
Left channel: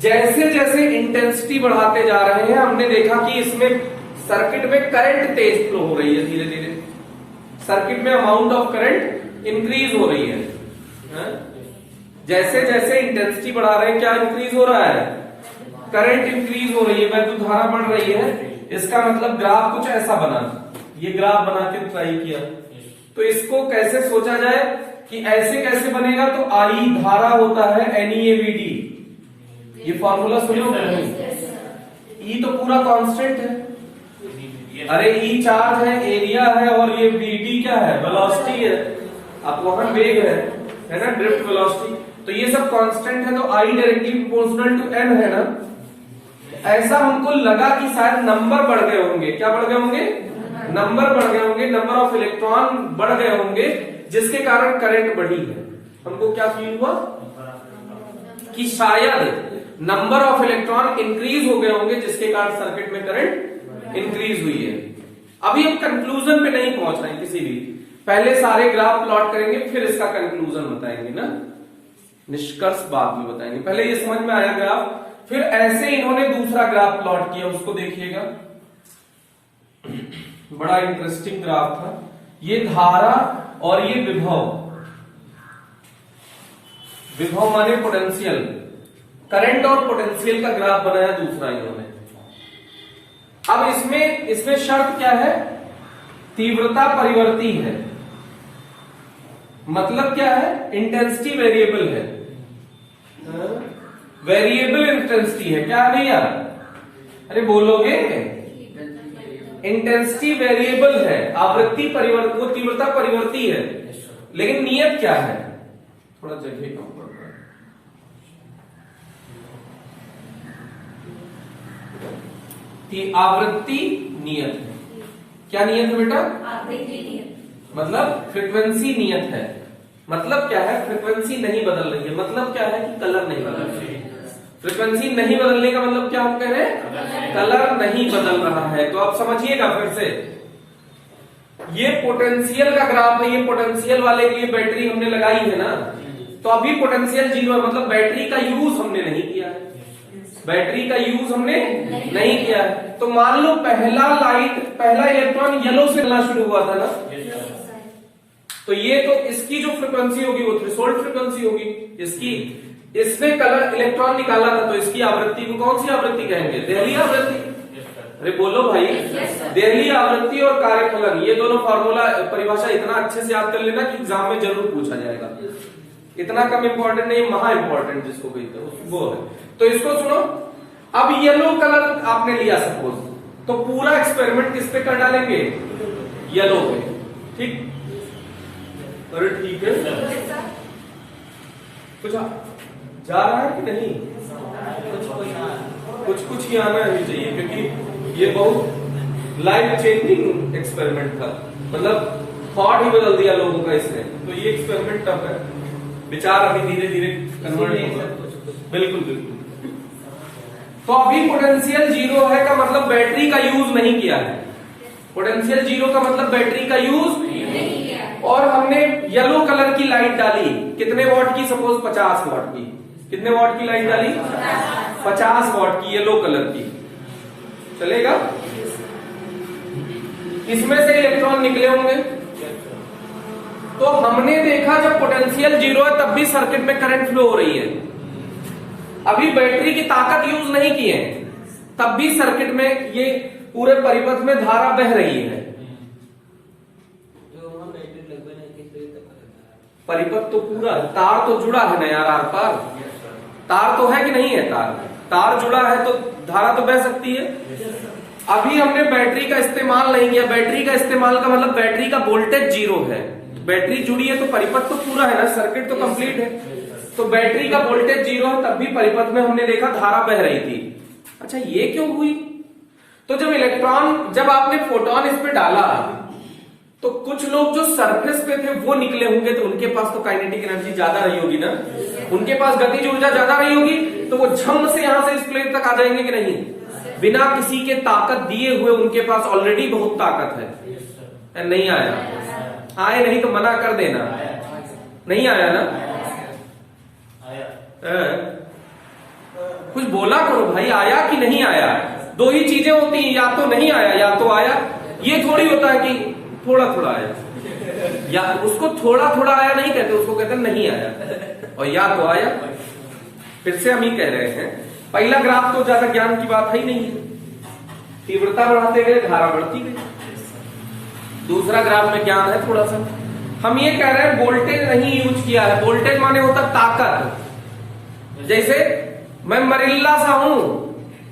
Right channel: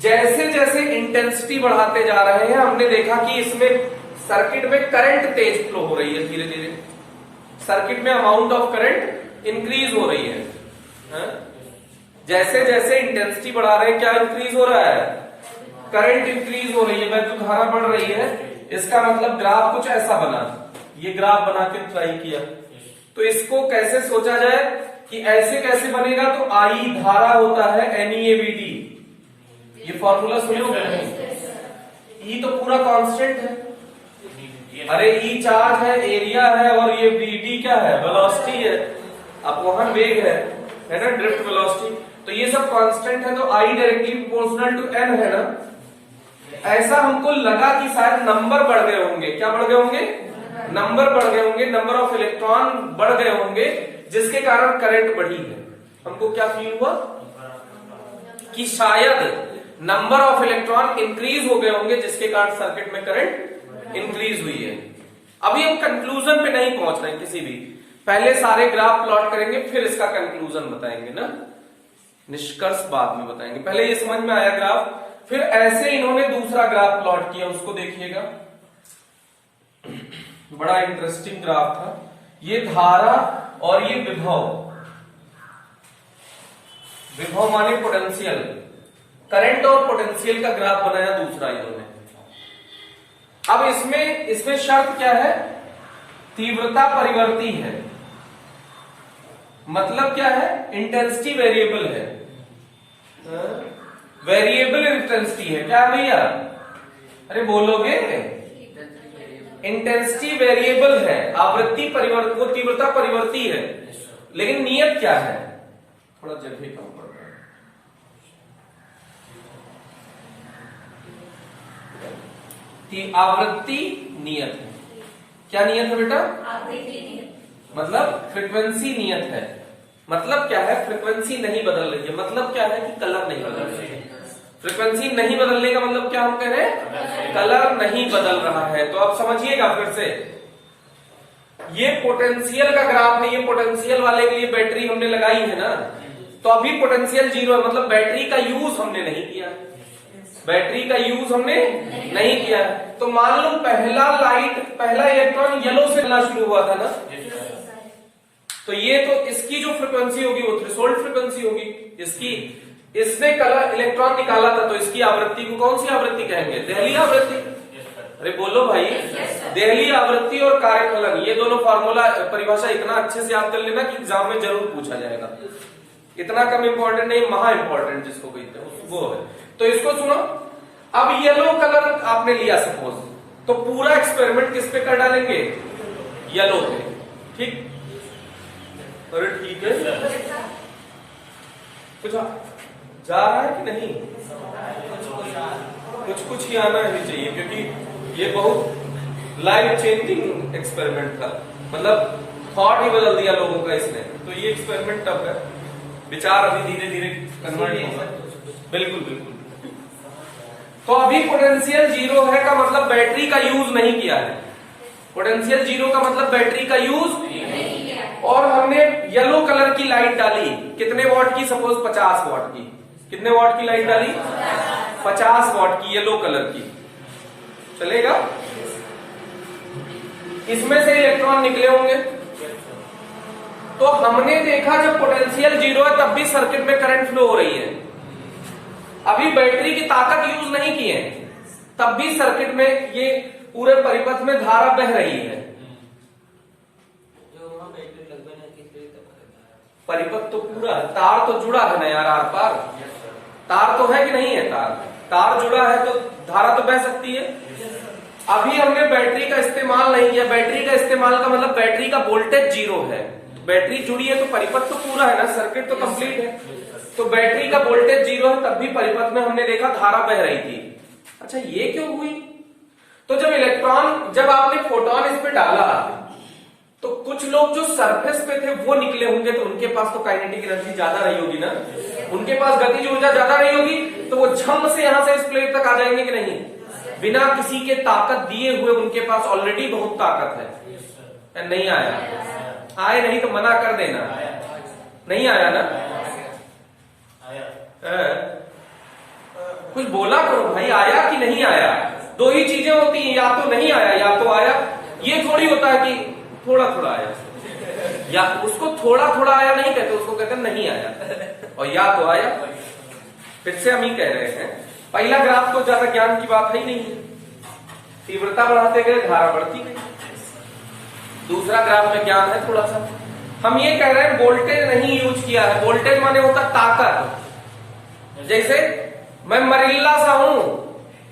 जैसे जैसे इंटेंसिटी बढ़ाते जा रहे हैं, हमने देखा कि इसमें सर्किट में करंट तेज फ्लो हो रही है, धीरे धीरे सर्किट में अमाउंट ऑफ करंट इंक्रीज हो रही है। जैसे जैसे इंटेंसिटी बढ़ा रहे हैं, क्या इंक्रीज हो रहा है? करंट इंक्रीज हो रही है, वैद्युत धारा बढ़ रही है। इसका मतलब ग्राफ कुछ ऐसा बना, ये ग्राफ बना के ट्राई किया। तो इसको कैसे सोचा जाए कि ऐसे कैसे बनेगा? तो आई धारा होता है NeAVD, ये फॉर्मूला सुनो नहीं? ई तो पूरा कांस्टेंट है, अरे ई चार्ज है, एरिया है, और ये VD क्या है? वेलोसिटी है, अब वहां वेग है ना, ड्रिफ्ट वेलोसिटी। तो ये सब कांस्टेंट है, तो I directly proportional to m है ना। ऐसा हमको लगा कि शायद नंबर बढ़ गए होंगे। क्या बढ़ गए होंगे? नंबर बढ़ गए होंगे, नंबर ऑफ इलेक्ट्रॉन बढ़ गए होंगे, जिसके कारण करंट बढ़ी है। हमको क्या फील हुआ कि शायद नंबर ऑफ इलेक्ट्रॉन इंक्रीज हो गए होंगे, जिसके कारण सर्किट में करंट इंक्रीज हुई है। अभी हम कंक्लूजन पे नहीं पहुंच रहे हैं किसी भी, पहले सारे ग्राफ प्लॉट करेंगे, फिर इसका कंक्लूजन बताएंगे ना, निष्कर्ष बाद में बताएंगे। पहले ये समझ में आया ग्राफ, फिर ऐसे इन्होंने दूसरा ग्राफ प्लॉट किया, उसको देखिएगा, बड़ा इंटरेस्टिंग ग्राफ था। ये धारा और ये विभव, विभव माने पोटेंशियल, करंट और पोटेंशियल का ग्राफ बनाया दूसरा इन्होंने। अब इसमें शर्त क्या है? तीव्रता परिवर्ती है, मतलब क्या है? इंटेंसिटी वेरिएबल है, वेरिएबल इंटेंसिटी है। क्या है भैया? अरे बोलोगे? इंटेंसिटी वेरिएबल है, आवृत्ति परिवर्तन, वो तीव्रता परिवर्ती है, लेकिन नियत क्या है? थोड़ा जगह कम पड़ रहा है कि आवृत्ति नियत है। क्या नियत है बेटा? आवृत्ति नियत, मतलब फ्रीक्वेंसी नियत है। मतलब क्या है? फ्रीक्वेंसी नहीं बदल रही है। मतलब क्या है? कि कलर नहीं बदल रही है। फ्रीक्वेंसी नहीं बदलने का मतलब क्या हम कह रहे हैं? कलर नहीं बदल रहा है। तो आप समझिएगा फिर से, ये पोटेंशियल का ग्राफ है, ये पोटेंशियल वाले के लिए बैटरी हमने लगाई है ना, तो अभी पोटेंशियल 0 है, मतलब बैटरी का यूज हमने नहीं किया, बैटरी का यूज हमने नहीं किया। तो मान लो पहला इलेक्ट्रॉन येलो से मिलना शुरू हुआ था ना, तो ये तो इसकी जो फ्रीक्वेंसी होगी वो थ्रेशोल्ड फ्रीक्वेंसी होगी इसकी। इसने कलर इलेक्ट्रॉन निकाला था, तो इसकी आवृत्ति को कौन सी आवृत्ति कहेंगे? देहली आवृत्ति। अरे बोलो भाई, देहली आवृत्ति और कार्यफलन, ये दोनों फार्मूला परिभाषा इतना अच्छे से याद कर लेना कि एग्जाम में जरूर पूछा जाएगा। इतना कम इंपॉर्टेंट नहीं, महा इंपॉर्टेंट जिसको कहते हैं वो है। तो इसको सुनो, अब येलो कलर आपने लिया सपोज, तो पूरा एक्सपेरिमेंट किस पे कर डालेंगे? येलो पे, ठीक? और ठीक है, कुछ जा रहा है कि नहीं? कुछ ही आना ही चाहिए, क्योंकि ये बहुत लाइफ चेंजिंग एक्सपेरिमेंट था, मतलब थॉट ही बदल दिया लोगों का इसने। तो ये एक्सपेरिमेंट टफ है, विचार अभी धीरे धीरे कन्वर्ट होगा। बिल्कुल बिल्कुल। तो अभी पोटेंशियल 0 है का मतलब बैटरी का यूज नहीं किया है। पोटेंशियल 0 का मतलब बैटरी का यूज नहीं किया। और हमने येलो कलर की लाइट डाली, कितने वॉट की? सपोज 50 वॉट की। कितने वॉट की लाइट डाली? 50 वॉट की येलो कलर की। चलेगा? इसमें से इलेक्ट्रॉन निकले होंगे। तो हमने देखा जब पोटेंशियल 0 है तब भी सर्किट में करंट फ्लो हो रही है। अभी बैटरी की ताकत यूज नहीं की है, तब भी सर्किट में ये पूरे परिपथ में धारा बह रही है। परिपथ तो पूरा है, तार तो जुड़ा है ना यार, आर पार तार तो है कि नहीं है? तार जुड़ा है तो धारा तो बह सकती है। अभी हमने बैटरी का इस्तेमाल नहीं किया। बैटरी का इस्तेमाल का मतलब बैटरी का वोल्टेज 0 है, बैटरी जुड़ी है तो परिपथ तो पूरा है ना, सर्किट तो कंप्लीट है। तो बैटरी का वोल्टेज 0 है, तब भी परिपथ में हमने देखा धारा बह रही थी। अच्छा ये क्यों हुई? तो जब आपने फोटोन इस पे डाला तो कुछ लोग जो सरफेस पे थे वो निकले होंगे, तो उनके पास तो काइनेटिक एनर्जी ज्यादा रही होगी ना, उनके पास गतिज ऊर्जा ज्यादा रही होगी, तो वो झम से यहां से इस प्लेट तक आ जाएंगे कि नहीं? बिना किसी के ताकत दिए हुए उनके पास ऑलरेडी बहुत ताकत है। नहीं आया? आए नहीं तो मना कर देना। नहीं आया ना? कुछ बोला करो भाई, आया कि नहीं आया? दो ही चीजें होती हैं, या तो नहीं आया या तो आया। ये थोड़ी होता है कि थोड़ा थोड़ा आया, या उसको थोड़ा थोड़ा आया नहीं कहते, उसको कहते नहीं आया, और या तो आया। फिर से हम ही कह रहे हैं, पहला ग्राफ तो ज्यादा ज्ञान की बात है ही नहीं, तीव्रता बढ़ाते गए धारा बढ़ती गई। दूसरा ग्राफ में ज्ञान है थोड़ा सा। हम ये कह रहे हैं वोल्टेज नहीं यूज किया है। वोल्टेज माने होता ताकत। जैसे मैं मरिल्ला सा हूं,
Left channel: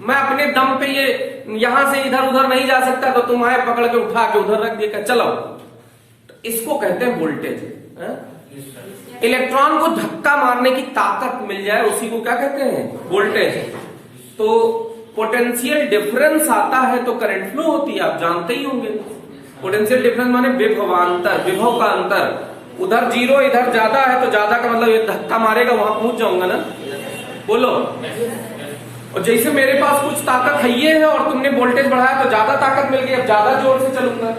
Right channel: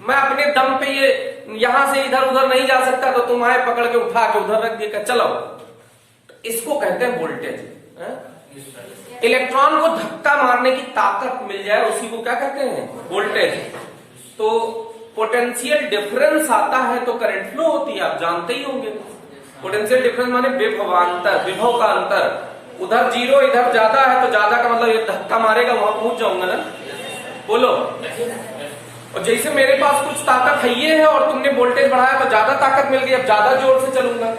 मैं अपने दम पे ये यहां से इधर उधर नहीं जा सकता, तो तुम आए पकड़ के उठा के उधर रख दिया, चलो, तो इसको कहते हैं वोल्टेज। इलेक्ट्रॉन को धक्का मारने की ताकत मिल जाए, उसी को क्या कहते हैं? वोल्टेज। तो पोटेंशियल डिफरेंस आता है तो करंट फ्लो होती है, आप जानते ही होंगे। पोटेंशियल डिफरेंस माने विभवांतर, विभव का अंतर। उधर 0 इधर ज्यादा है तो ज्यादा का मतलब ये धक्का मारेगा, वहां पहुंच जाऊंगा ना, बोलो। और जैसे मेरे पास कुछ ताकत है और तुमने वोल्टेज बढ़ाया तो ज्यादा ताकत मिल गई, अब ज्यादा जोर से चलूंगा।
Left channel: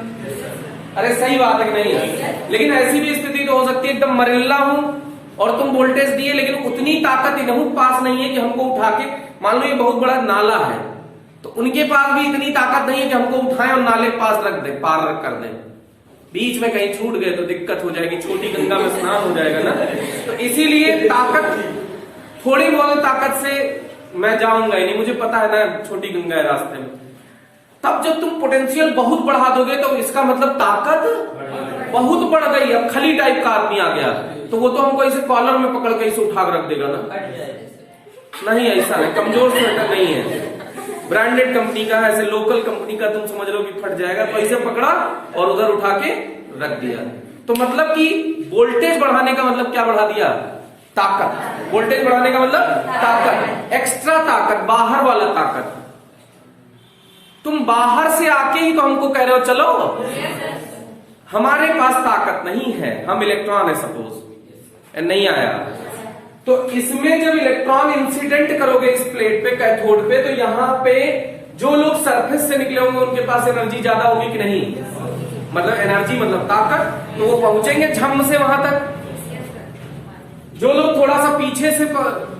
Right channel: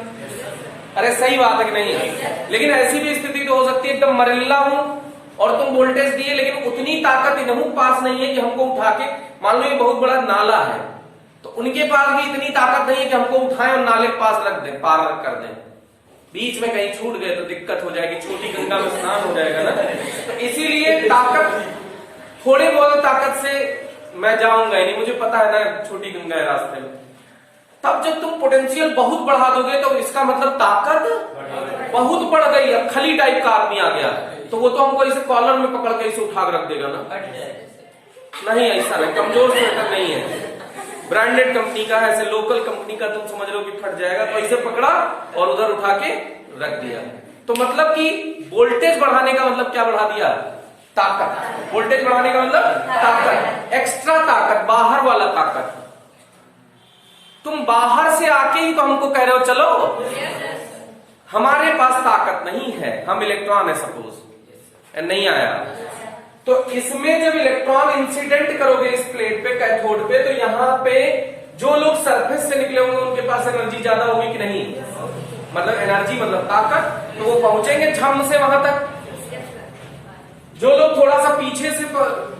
अरे सही बात है कि नहीं? लेकिन ऐसी भी स्थिति तो हो सकती है, एकदम मरिल्ला हूं और तुम वोल्टेज दिए, लेकिन उतनी ताकत इनहू पास नहीं है कि हमको उठा के, मान लो ये बहुत बड़ा नाला है तो उनके पास भी इतनी ताकत नहीं है कि हमको उठाएं और नाले के पास रख दें, पार रख कर दें। बीच में कहीं छूट गए तो दिक्कत हो जाएगी, छोटी गंगा में स्नान हो जाएगा ना। तो इसीलिए ताकत, थोड़ी बहुत ताकत से मैं जाऊंगा ही नहीं, मुझे पता है ना छोटी गंगा है रास्ते में। तब जब तुम पोटेंशियल बहुत बढ़ा दोगे तो इसका मतलब ताकत बहुत बढ़ गई। अब खली टाइप का आदमी आ गया तो वो तो हमको इसे कॉलर में पकड़ के इसे उठा के रख देगा ना। नहीं, ऐसा नहीं, कमजोर स्वेटर नहीं है, ब्रांडेड कंपनी का है, ऐसे लोकल कंपनी का तुम समझ लो कि फट जाएगा, तो इसे पकड़ा और उधर उठा के रख दिया। तो मतलब कि वोल्टेज बढ़ाने का मतलब क्या बढ़ा दिया? ताकत। वोल्टेज बढ़ाने का मतलब ताकत, एक्स्ट्रा ताकत, बाहर वाला ताकत। तुम बाहर से आके ही तो हमको कह रहे हो चलो, हमारे पास ताकत नहीं है, हम इलेक्ट्रॉन है सपोज, नहीं आया। तो इसमें जब इलेक्ट्रॉन इंसिडेंट करोगे इस प्लेट पे, कैथोड पे, तो यहां पे जो लोग सरफेस से निकले होंगे उनके पास एनर्जी ज्यादा होगी कि नहीं? मतलब एनर्जी मतलब ताकत, तो वो पहुंचेंगे झम से वहां तक। जो लोग थोड़ा सा पीछे से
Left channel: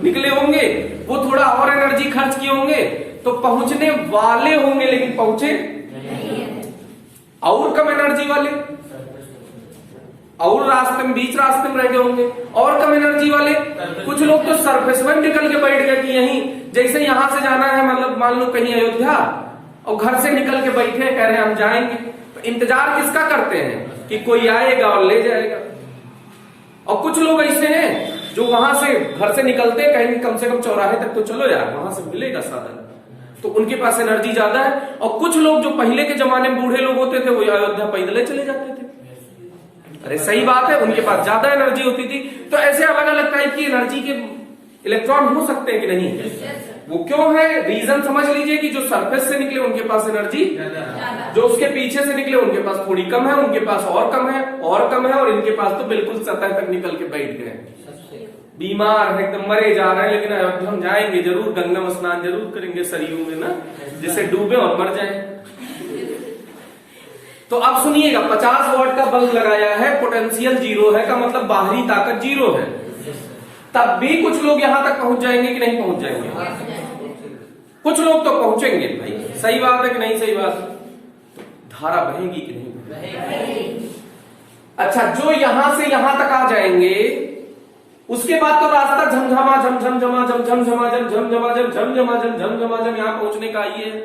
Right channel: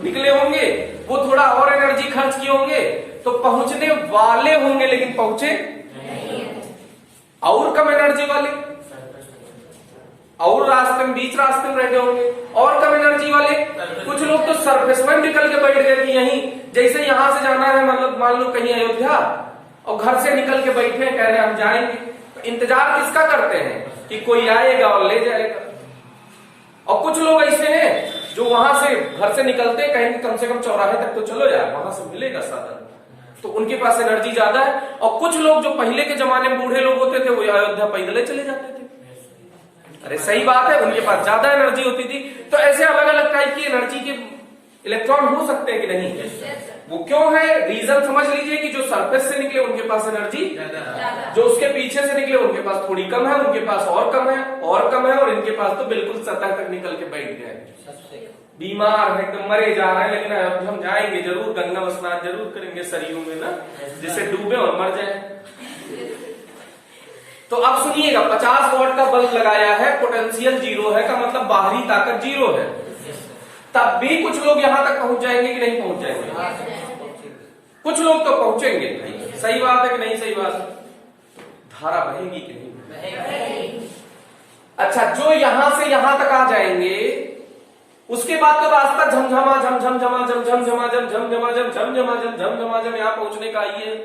निकले होंगे वो थोड़ा और एनर्जी खर्च किए होंगे, तो पहुंचने वाले होंगे लेकिन पहुंचे नहीं। और कम एनर्जी वाले और रास्ते में, बीच रास्ते में रहे होंगे, और कम एनर्जी वाले। कुछ लोग तो सरफेस में निकल के बैठ गए कि यहीं, जैसे यहां से जाना है, मतलब मान लो कहीं अयोध्या, और घर से निकल के बैठे कह रहे हैं हम जाएंगे, तो इंतजार किसका करते हैं? कि कोई आएगा और ले जाएगा। और कुछ लोग ऐसे हैं जो वहां से घर से निकलते कहीं कम से कम चौराहे तक तो चलो यार, वहां से मिलेगा साधन, तो उनके पास एनर्जी ज्यादा है। और कुछ लोग जो पहले के जमाने में बूढ़े लोग होते थे वो अयोध्या पैदल चले जाते थे। अरे सही बात है, उनके पास ज्यादा एनर्जी होती थी। तो ऐसे अलग अलग टाइप की एनर्जी के इलेक्ट्रॉन हो सकते हैं कि नहीं? वो क्यों है? रीजन समझ लीजिए कि जो सरफेस से निकले उनके पास एनर्जी, जो उसके पीछे से निकले उनके पास थोड़ी कम है, उनके पास और कम है और कम है, और इनके पास तो बिल्कुल सतह तक निकल के बैठ गए, बीमार है, एकदम मरे जा रहे हैं। लेकिन हम जाएंगे जरूर, गंगा में स्नान जरूर करेंगे सरयू में ना, जिससे डूबे और मर जाए। तो अब सुनिएगा, 50 वॉट का बल्ब लगाया है, पोटेंशियल 0 है, का मतलब बाहरी ताकत 0 है, तब भी कुछ लोग यहां तक पहुंच जाएंगे कि नहीं पहुंच जाएंगे? कुछ लोग तो पहुंचेंगे। सही बात है कि नहीं? सही बात। धारा बढ़ेगी कि नहीं? अच्छा, जो यहां से यहां तक आ जाएंगे उसके बाद तो रास्ता झमझमा झमझमा झमझमा झमझमा झमझमा झमझमा झम यहां पहुंचने का ये है।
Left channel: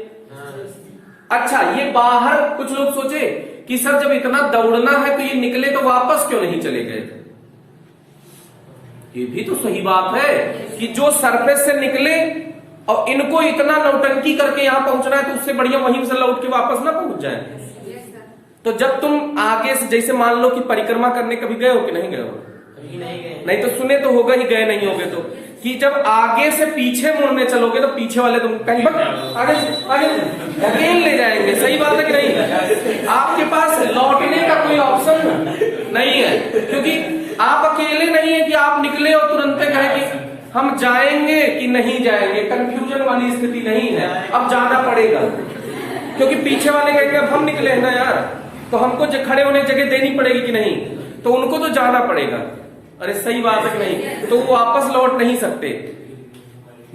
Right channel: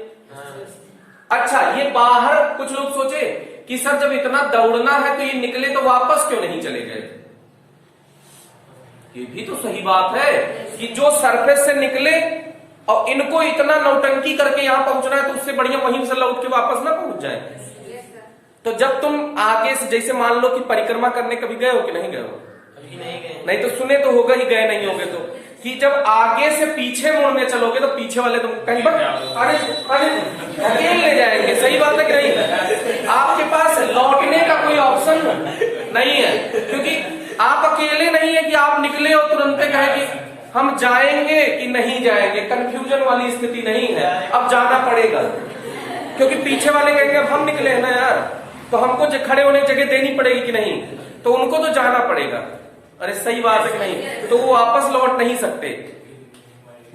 अच्छा, ये बाहर कुछ लोग सोचे कि सर जब इतना दौड़ना है तो ये निकले तो वापस क्यों नहीं चले गए? ये भी तो सही बात है कि जो सरफेस से निकले और इनको इतना नौटंकी करके यहां पहुंचना है, तो उससे बढ़िया वहीं से लौट के वापस ना पहुंच जाए। तो जब तुम आगे से, जैसे मान लो कि परिक्रमा करने कभी गए हो कि नहीं गए हो? नहीं तो सुने तो होगा ही, गए नहीं होगे तो, कि जब आगे से पीछे मुड़ने चलोगे तो पीछे वाले तुम कहीं धकेल ले जाएंगे। सही बात है कि नहीं? आपके पास लौटने का कोई ऑप्शन नहीं है, क्योंकि आप अकेले नहीं है कि आप निकले और तुरंत कहे कि हम जाएंगे कि नहीं जाएंगे। कंफ्यूजन वाली स्थिति नहीं है, अब जाना पड़ेगा, क्योंकि पीछे वाले कहेंगे अब हम निकले हैं ना यार, तो हमको खड़े होने की जगह देनी पड़ेगी कि नहीं, तो उनको तो जाना पड़ेगा। अरे सही बात है कि नहीं? तो वो वापस लौट नहीं सकते।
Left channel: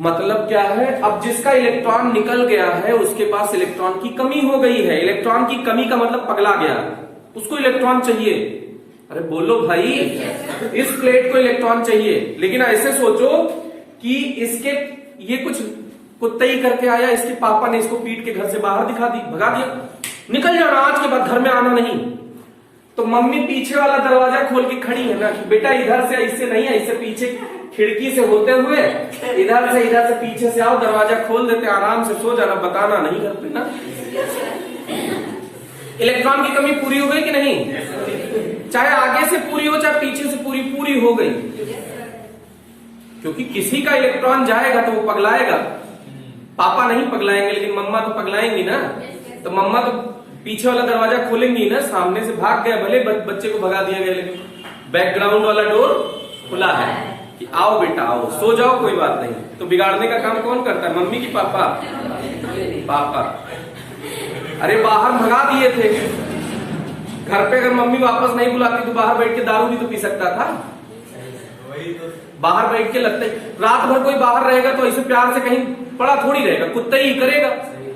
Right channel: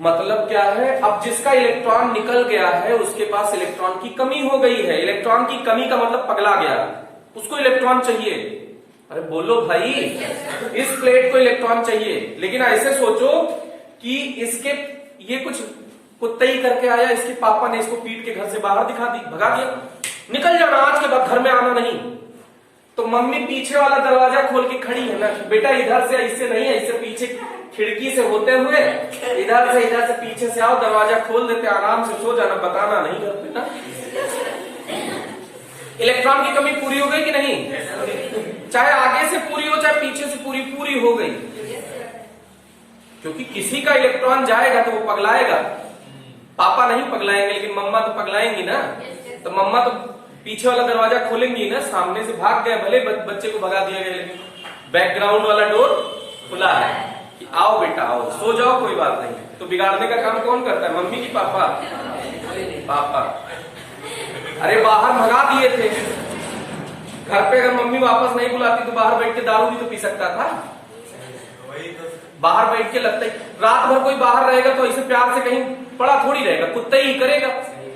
मतलब क्या है, अब जिसका इलेक्ट्रॉन निकल गया है उसके पास इलेक्ट्रॉन की कमी हो गई है। इलेक्ट्रॉन की कमी का मतलब पगला गया, उसको इलेक्ट्रॉन चाहिए। अरे बोलो भाई, इस प्लेट को इलेक्ट्रॉन चाहिए, लेकिन ऐसे सोचो कि इसके ये कुछ कुत्ते ही करके आया, इसके पापा ने इसको पीट के घर से बाहर भगा दिया, निकल जाना आज के बाद घर में आना नहीं। तो मम्मी पीछे वाला दरवाजा खोल के खड़ी है ना कि बेटा इधर से इससे नहीं है, इससे पीछे खिड़की से होते हुए इधर से पीछे से आओ, दरवाजा खोल देते, आराम से सो जाना, बताना नहीं करते ना। इलेक्ट्रॉन की कमी पूरी हो गई कि नहीं? चाहे आगे से पूरी हो चाहे पीछे से पूरी हो गई, क्योंकि किसी का इलेक्ट्रॉन जाएगा तो वो पगलाएगा। पापा नहीं पगलाएंगे लेकिन मम्मा तो पगलाएंगी ना। तो मम्मा तो पीछे वाला दरवाजा खोलेंगी ना, सामने से भाग गया, भले बच्चे को भगा दिया गया, लेकिन बैकग्राउंड वाला डोर खुला है कि आओ बेटा आओ, सो जाओ, कोई बात नहीं। तो बिगाड़ने का काम कौन करता है? मम्मी की पापा? पापा। अरे बाहर भगा दिए थे, घर पे अगर मम्मी वापस नहीं बुलाती तो बाहर बैठ के दारू भी तो पी सकता था। बाहर बैठ के लगता है, रात भर कोई बाहर रहेगा तो ऐसे प्यार से कहीं पड़ा थोड़ी रहेगा, कुत्ता ही करेगा,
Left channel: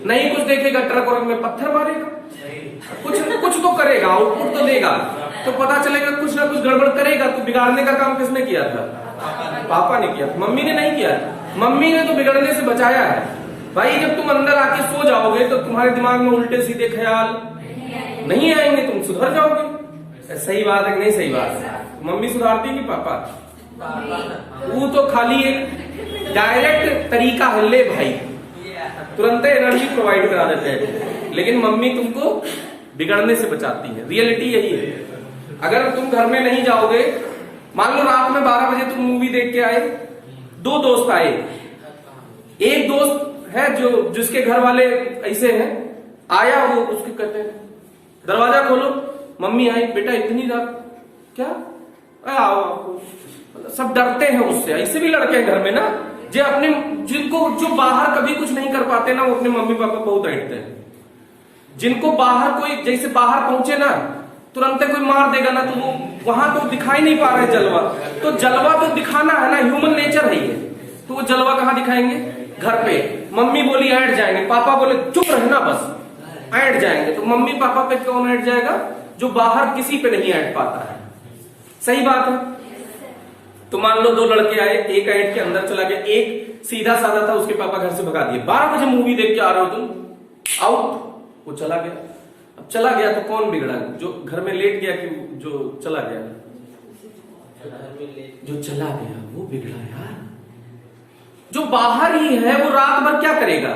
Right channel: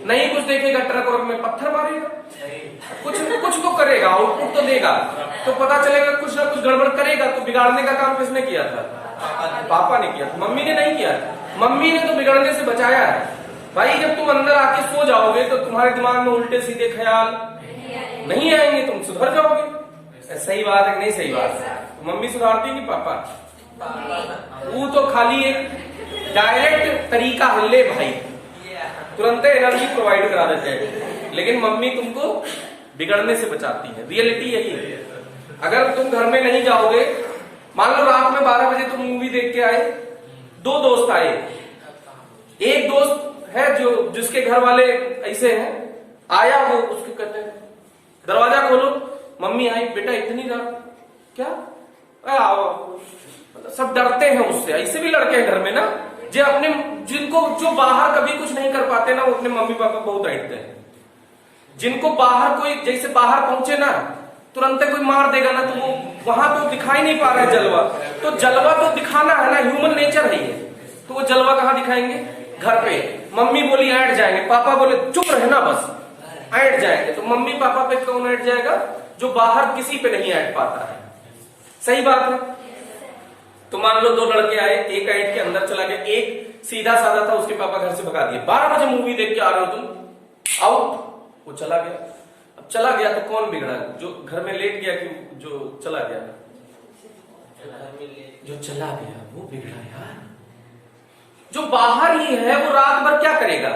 नहीं कुछ देखेगा, ट्रक और में पत्थर मारेगा, कुछ तो करेगा, आउटपुट तो देगा, तो पता चलेगा कुछ ना कुछ गड़बड़ करेगा। तो बिगाड़ने का काम किसने किया था? पापा ने किया, मम्मी ने नहीं किया। मम्मी ने तो बिगड़ने से बचाया है। भाई जब तुम अंदर आके सो जाओगे तो तुम्हारे दिमाग में उल्टे सीधे ख्याल नहीं आएंगे, तुम सुधर जाओगे। सही बात है कि नहीं? सही बात है। मम्मी सुधारती कि पापा? वो तो खाली एक डायरेक्ट तरीका है, ले भाई तुरंत एनर्जी प्रोवाइड करा देते हैं, लेकिन मम्मी तुमको बिगड़ने से बचाती है। रियलिटी यही है। अगर तुम घर में नहीं जाओगे, मान लो रात में 12 बजे तुम मूवी देख के आए, 2 दोस्त आए, एक दोस्त है जिसके घर वाले ऐसे हैं, आया वो, उसके कहते हैं दरवाजा खोलो, मम्मी आई, बेटा इतनी रात क्या? आओ। सब डरते हैं उससे। ऐसे भी लड़के हैं घर में ना, जो अपने जो बाहर कभी कुछ नहीं कर पाते ना, वो अपने मम्मी पापा बहुत डांटते हैं। जिनको बाहर कोई, जैसे बाहर पहुंचे ना तुरंत कोई मार देगा ना, तो वो वहां तो दिखाई नहीं पा रहा है जलवा, तो जलवा तो दिखाना है ना, ह्यूमन नेचर है ये। तो वो जलवा कहाँ दिखाएंगे? घर पे। मम्मी बोली ऐंठ जाएंगे, पापा बोले चुप रहना बस, ऐंठ जाएंगे। तो मम्मी पापा पे कौन ऐंठ जाएगा? जो बाहर किसी पे नहीं ऐंठ पाता है। सही बात है। तो मान लो 2 लड़के आए, एक ऐंठ के अंदर चला गया, एक सीधा साधा था, उसके पापा घर से भगा दिए। 12 बजे मूवी देख के आ रहे हो तुम, आउट। वो चला गया। अब चला गया तो कौन बिगड़ा? जो घर में लेट गया कि जो चला गया? जो चला गया वो बिगड़ा यार। जो बाहर ही है वो रात भर क्या करेगा?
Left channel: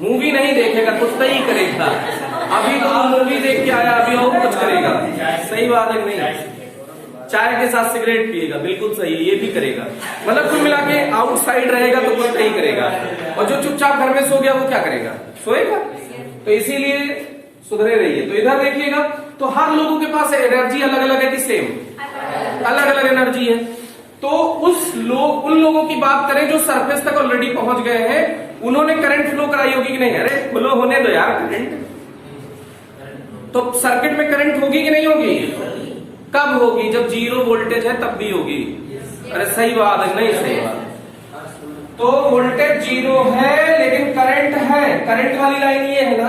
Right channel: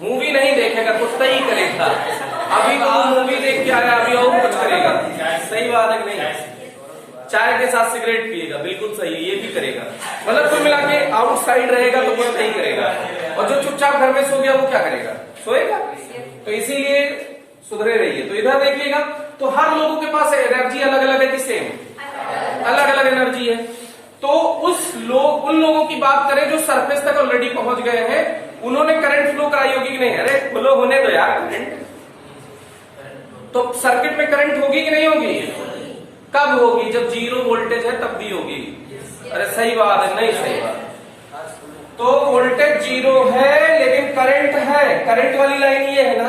मूवी नहीं देखेगा, कुछ ही करेगा। अभी तो वो मूवी देख के आया, अभी और कुछ करेगा। सही बात है कि नहीं? चाय के साथ सिगरेट पिएगा, बिल्कुल सही है, ये भी करेगा। मतलब कुल मिला के आउटसाइड रहेगा तो कुछ नहीं करेगा। और जो चुपचाप घर में सो गया वो क्या करेगा? सोएगा। तो इसीलिए सुधरे रहिए। तो इधर देखिएगा, तो हर लोगों के पास एनर्जी अलग अलग है कि सेम? अलग अलग एनर्जी है। तो उन लोगों की बात करें जो सरफेस तक ऑलरेडी पहुंच गए हैं, उन्होंने करंट फ्लो कराई होगी कि नहीं? अरे फ्लो होने दो यार करंट। तो सर्किट में करंट होगी कि नहीं होगी? कब होगी? जब 0 वोल्टेज है तब भी होगी। अरे सही बात है, नहीं सही बात? तो वोल्टेज 0 है लेकिन करंट है, करंट वाली लाइन ये है ना।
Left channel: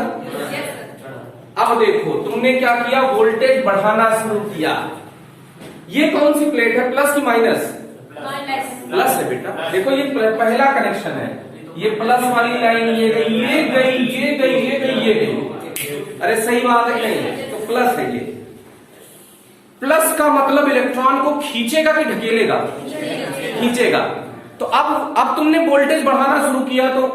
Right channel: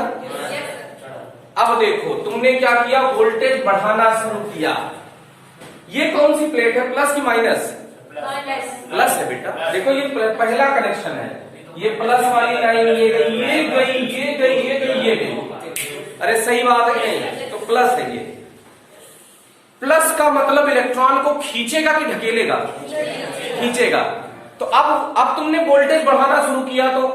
अब देखो तुमने क्या किया, वोल्टेज बढ़ाना शुरू किया। ये कौन सी प्लेट है? प्लस की माइनस? प्लस है बेटा। देखो ये पहला कनेक्शन है, ये प्लस वाली लाइन ये गई, ये गई, ये गई, ये गई, ये गई। अरे सही बात है नहीं? तो प्लस है ये। प्लस का मतलब इलेक्ट्रॉन को खींचेगा कि ढकेलेगा? खींचेगा। तो अब तुमने वोल्टेज बढ़ाना शुरू किया तो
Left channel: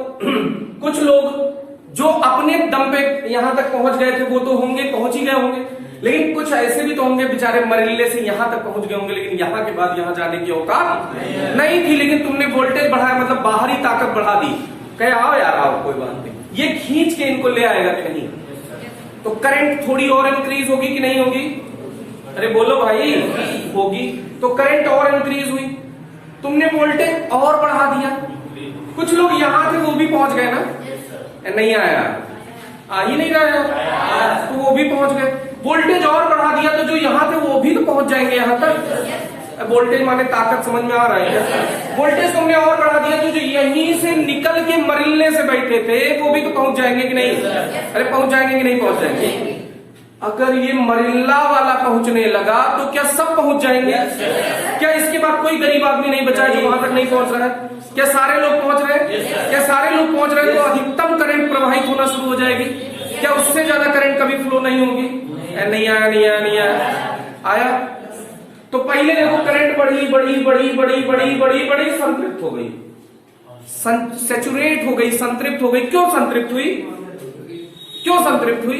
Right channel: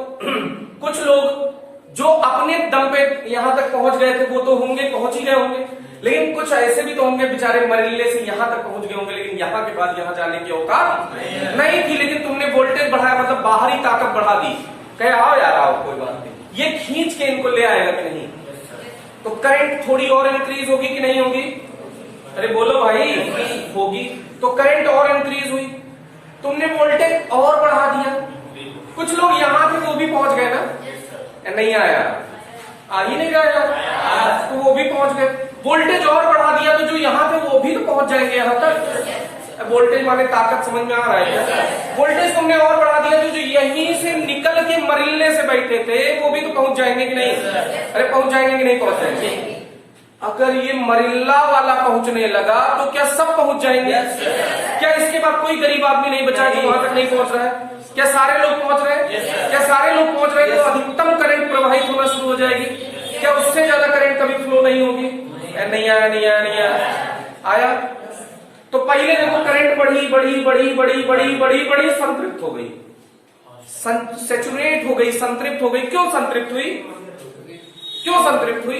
कुछ लोग जो अपने दम पे यहां तक पहुंच गए थे वो तो होंगे, पहुंच ही गए होंगे, लेकिन कुछ ऐसे भी तो होंगे बेचारे मरीले से यहां तक पहुंच गए होंगे, लेकिन यहां के बाद यहां जाने की औकात नहीं थी, लेकिन तुमने वोल्टेज बढ़ाया, मतलब बाहरी ताकत बढ़ा दी, कहे आओ यार आओ कोई बात नहीं, ये खींच के इनको ले आएगा कि नहीं? तो करंट थोड़ी और इंक्रीज होगी कि नहीं होगी? अरे बोलो भाई, होगी। तो करंट और इंक्रीज हुई, तुमने वोल्टेज और बढ़ा दिया, कुछ लोग यहां थे वो भी पहुंच गए ना, नहीं आया, आ ही नहीं रहा, तो वो भी पहुंच गए, वोल्टेज और बढ़ा दिया तो जो यहां थे वो भी तो पहुंच जाएंगे यहां तक। वोल्टेज माने ताकत, समझ में आ रहा है? वोल्टेज तुमने और बढ़ा दिया तो जो यहीं से निकल के मरीले से बैठे थे वो भी तो पहुंच जाएंगे कि नहीं? अरे पहुंच जाएंगे कि नहीं पहुंच जाएंगे? अगर ये मरिल्ला वाला पहुंचने लगा तो क्या सब पहुंच जाएंगे? क्या इसके बाद कोई गरीब आदमी नहीं बचा जो वहां तक नहीं पहुंच रहा है? क्या सारे लोग पहुंच रहे हैं? क्या सारे लोग पहुंच रहे हैं तो अधिकतम करंट प्रवाहित होना शुरू हो जाएगी? क्या उससे ज्यादा करंट कभी फ्लो नहीं होगी? नहीं आया, नहीं आया, नहीं आया, आया। तो पहले देखो करंट बढ़ी बढ़ी बढ़ी बढ़ी बढ़ी बढ़ी बढ़ी संतृप्त हो गई, सैचुरेट हो गई, संतृप्त हो गई। क्यों संतृप्त हुई? क्यों संतृप्त हुई?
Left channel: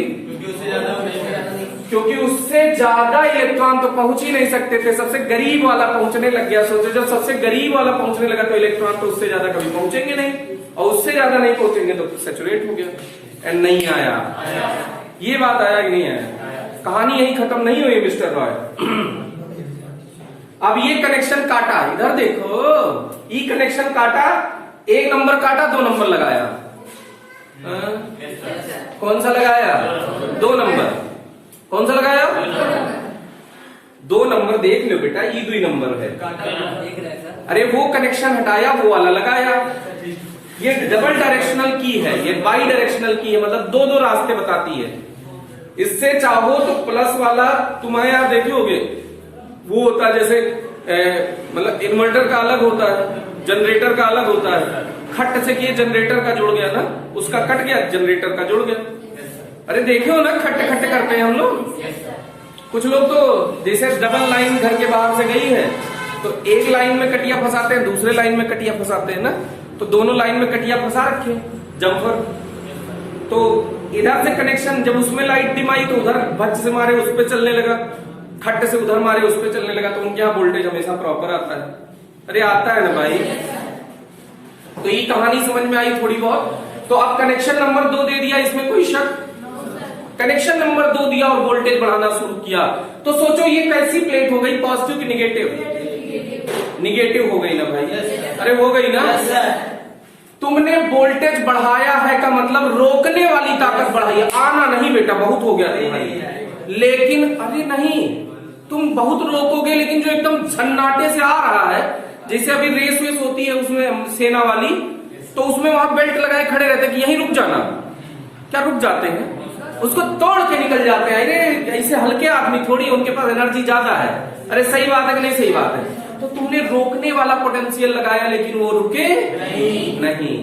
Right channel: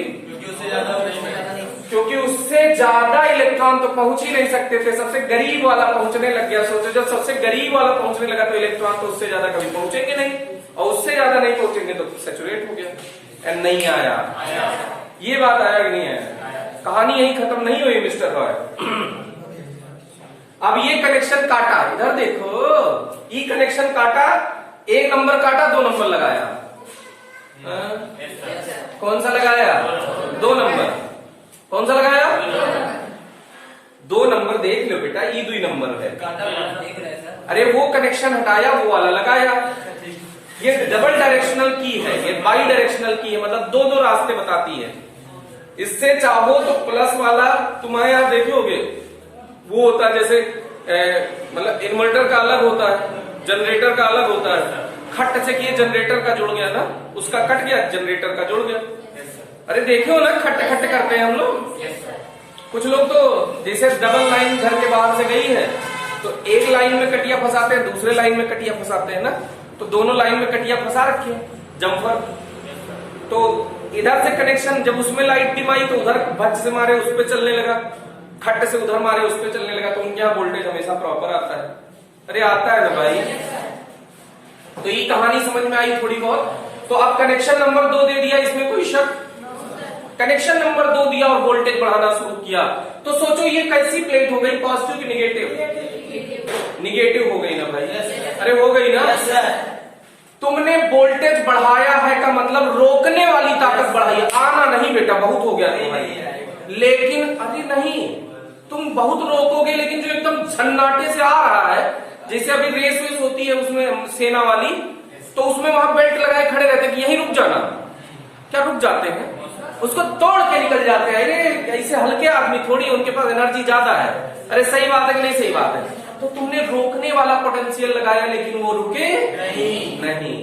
क्योंकि उससे ज्यादा इलेक्ट्रॉन तो पहुंच ही नहीं सकते थे, सबसे गरीब वाला पहुंचने लग गया। सोचो जब सबसे गरीब वाला पहुंचने लगा तो इलेक्ट्रॉन तो उससे ज्यादा कभी पहुंचेंगे नहीं, और उससे ज्यादा नहीं पहुंचेंगे तो सैचुरेट हो गया। नहीं आया, ये बात आया कि नहीं आया? कहानी यही खत्म नहीं हुई मिस्टर रॉय। अब ये कनेक्शन काटा, इधर देखो, ई कनेक्शन काटा, एक नंबर काटा, 2 नंबर लगाया। कौन सा लगाया? 2 नंबर। कौन सा लगाया? 2 नंबर देख लो बेटा, ई 2 नंबर है। अरे वो कनेक्शन हटाया, वो वाला लगाया। ये डबल डायरेक्शनल की है, ये बाई डायरेक्शनल की है, मतलब 2-2 रास्ते बताती है। इससे चाहो तो प्लस वाला तुम्हारे आप देखोगे वो होता है जैसे मतलब इन्वर्टर का अलग होता है, जनरेटर का अलग होता है। खट से किए जनरेटर का जुड़ गया ना, उसका कट गया, जनरेटर का जुड़ गया। अरे देखो ना, खट्टे खट्टे करते हैं हम लोग। कुछ लोग तो जैसे डबल लाइन घर के बाहर से गई है तो एक लाइन में कटिया फंसाते हैं, दूसरे लाइन में कटिया फंसाते हैं ना, तो दोनों लाइन में कटिया फंसा रखे हैं जम्फर। तो इधर से कनेक्शन, जब उसमें लाइट डिम आई तो उधर भच से मारे उस पर चलने लगा, खट्टे से उधर मारे उस पर चलने लगा, तो उनके यहाँ वोल्टेज हमेशा प्रॉपर आता है। अरे आता है ना भाई। तो ये कहानी समझ में आई थोड़ी बहुत। तो अब कनेक्शन नंबर 2 दे दिया, इसमें कोई शक? कनेक्शन नंबर 2 दिया और वोल्टेज बढ़ाना शुरू किया, तो सोचो ये कैसी प्लेट हो गई, पॉजिटिव की निगेटिव? निगेटिव हो गई ना भाई। अरे हो गई ना। तुमने वोल्टेज बढ़ाया है का मतलब रोकने वाली ताकत बढ़ाई है, आना नहीं बेटा, बहुत हो गया तुम्हारी। लेकिन अरे नहीं, तुम बहुत रोकोगे, लेकिन जो एकदम झन्नाटे से आ रहा है, जैसे अभी रेस वेस होती है उसमें सेना वाली, तो उसमें वहां बेल्ट लगाए खड़े रहते हैं कि यहीं रुक जाना, क्या रुक जाते हैं, उसको तोड़ के निकल जाते हैं। अरे ऐसे हल्के आदमी थोड़ी, उनके पास एनर्जी ज्यादा है। अरे सही बात है कि नहीं सही बात है? तो तुमने रोकने वाला पोटेंशियल लगाया लेकिन वो रुके नहीं,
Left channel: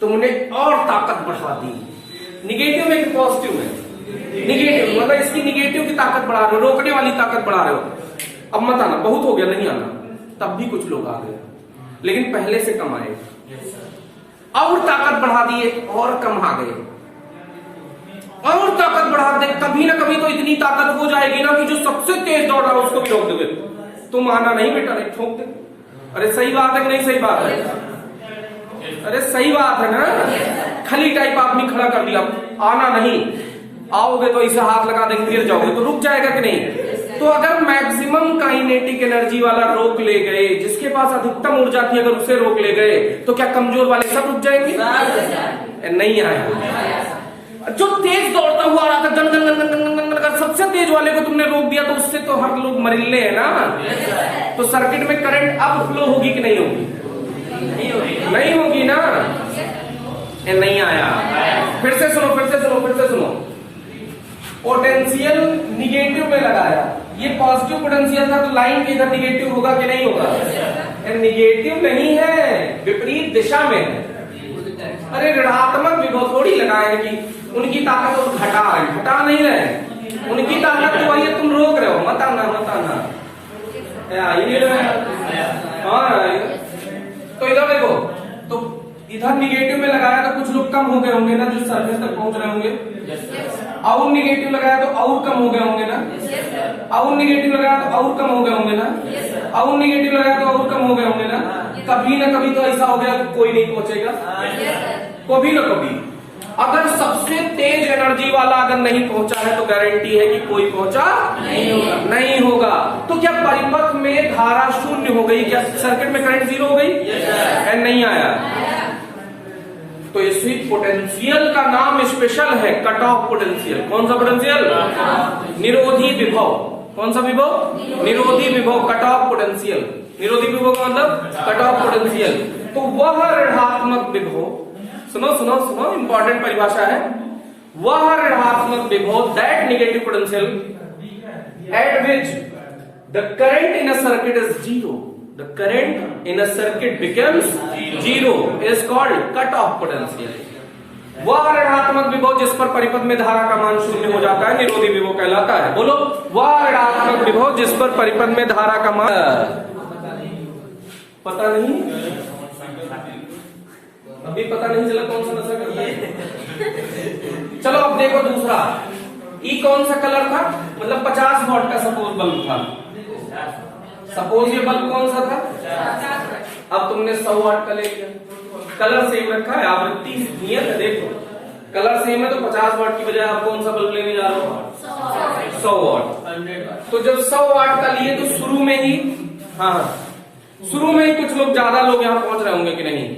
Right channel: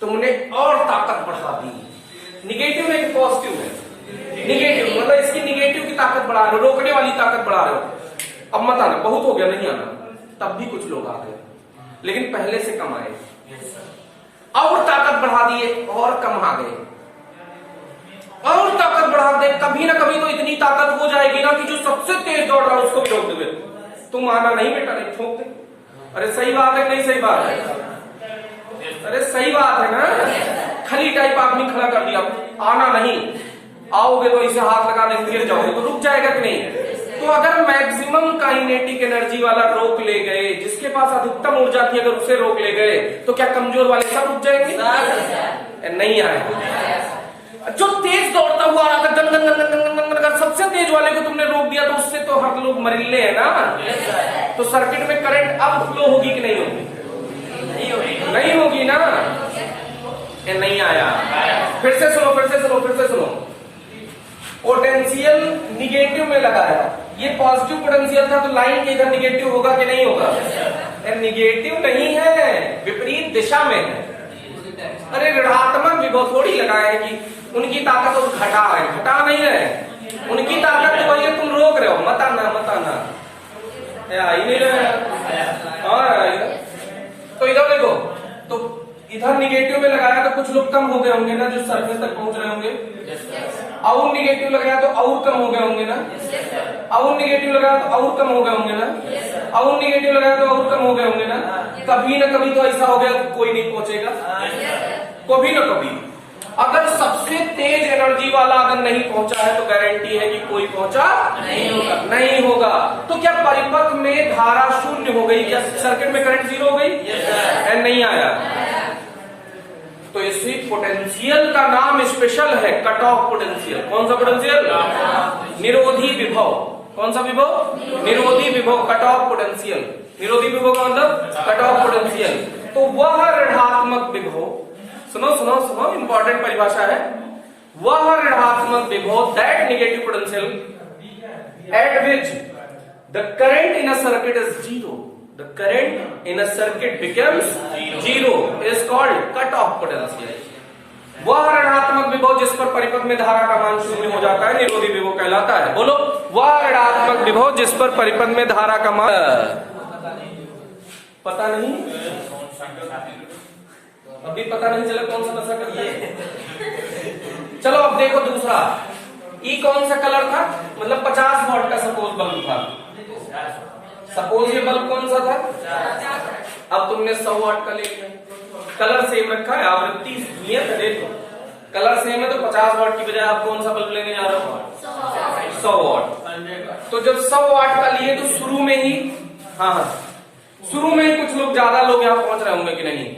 तुमने और ताकत बढ़ा दी। निगेटिव में पॉजिटिव है, निगेटिव मतलब इसकी निगेटिव की ताकत बढ़ा रहे हो, रोकने वाली ताकत बढ़ा रहे हो। अब मत आना, बहुत हो गया, नहीं आना। तब भी कुछ लोग आ गए, लेकिन पहले से कम आए, और ताकत बढ़ा दिए और कम आ गए, और ताकत बढ़ा दे, कभी ना कभी तो इतनी ताकत हो जाएगी ना कि जो सबसे तेज दौड़ रहा है उसको भी रोक देंगे। तुम आना नहीं बेटा, नहीं ठोक दे। अरे सही बात है कि नहीं सही बात है? अरे सही बात है ना। खली टाइप आदमी खड़ा कर दिया, आना नहीं, आओगे तो इसे हाथ लगा देंगे, गिर जाओगे, तो रुक जाएगा कि नहीं? तो अगर मैक्सिमम काइनेटिक एनर्जी वाला रोक ले गए, जिसके पास अधिकतम ऊर्जा थी, अगर उसे रोक ले गए, तो क्या कमजोर वाले सब रुक जाएंगे? नहीं आया। जो तेज दौड़ता हुआ आ रहा था, gun gun gun gun gun gun gun, सबसे तेज वाले को तुमने रोक दिया, तो उससे तो हर लोग मरीले है ना। तो सर्किट में करंट अब फ्लो होगी कि नहीं होगी? नहीं होगी ना। नहीं आया। फिर से सुनो, फिर से सुनो, फिर से सुनो। पोटेंशियल निगेटिव में लगाया, ये पॉजिटिव पोटेंशियल था, तो लाइन के इधर निगेटिव होगा कि नहीं होगा? निगेटिव नहीं है, विपरीत दिशा में है। अरे ऋणात्मक विभव थोड़ी लगाया है कि उनकी ताकत तो घटा है, घटा नहीं है, उनकी ताकत तो वही है, तुम रोक रहे हो, मत आना मत आना। आई नहीं रहा। तो इधर देखो, तो इधर निगेटिव में लगाया तो कुछ लोग कम हो गए होंगे ना, जो सरफेस तक पहुंच रहे होंगे। और निगेटिव लगाया तो और कम हो गए होंगे ना। और निगेटिव लगाया तो और कम हो गए होंगे ना। और निगेटिव लगाया तो और कम हो गए होंगे ना। कभी ना कभी तो ऐसा हो गया कि कोई नहीं पहुंचेगा, कभी ना कभी। अगर सबसे तेज एनर्जी वाला अगर नहीं पहुंचा है तो गारंटी है कि कोई पहुंचा नहीं होगा। तो क्या परिपथ में धारा शून्य हो गई? क्या सर्किट में करंट जीरो हो गई? नहीं आया। तो इसी पोटेंशियल का नाम स्पेशल है कट ऑफ पोटेंशियल। कौन सा पोटेंशियल? निरोधी विभव। कौन सा विभव? निरोधी विभव, कट ऑफ पोटेंशियल। निरोधी विभव का मतलब कट ऑफ पोटेंशियल। तो वह ऋणात्मक विभव, सुनो सुनो सुनो, इंपॉर्टेंट परिभाषा है, वह ऋणात्मक विभव that negative potential at which the current in a circuit is zero, the current in a circuit becomes zero is called cut off potential. वह ऋणात्मक विभव जिस पर परिपथ में धारा का मान शून्य हो जाता है निरोधी विभव कहलाता है। बोलो, वह ऋणात्मक विभव जिस पर परिपथ में धारा का मान, पता नहीं अभी पता नहीं चला कौन सा नशा कर लिया। चलो अब देखो दूसरा, ई कौन सा कलर था? मतलब 50 वॉट का सपोज बल्ब था। सपोज ये बल्ब कौन सा था? अब तुमने 100 वॉट का ले लिया, कलर सेम रखा है, आवृत्ति नियत है। देखो कलर सेम है तो 50 वॉट की बजाय आप कौन सा बल्ब लेने जा रहे हो? 100 वॉट। तो जब 100 वॉट का लिए तो शुरू में ही, हाँ शुरू में ही कुछ लोग, ज्यादा लोग यहाँ पहुंच रहे होंगे कि नहीं?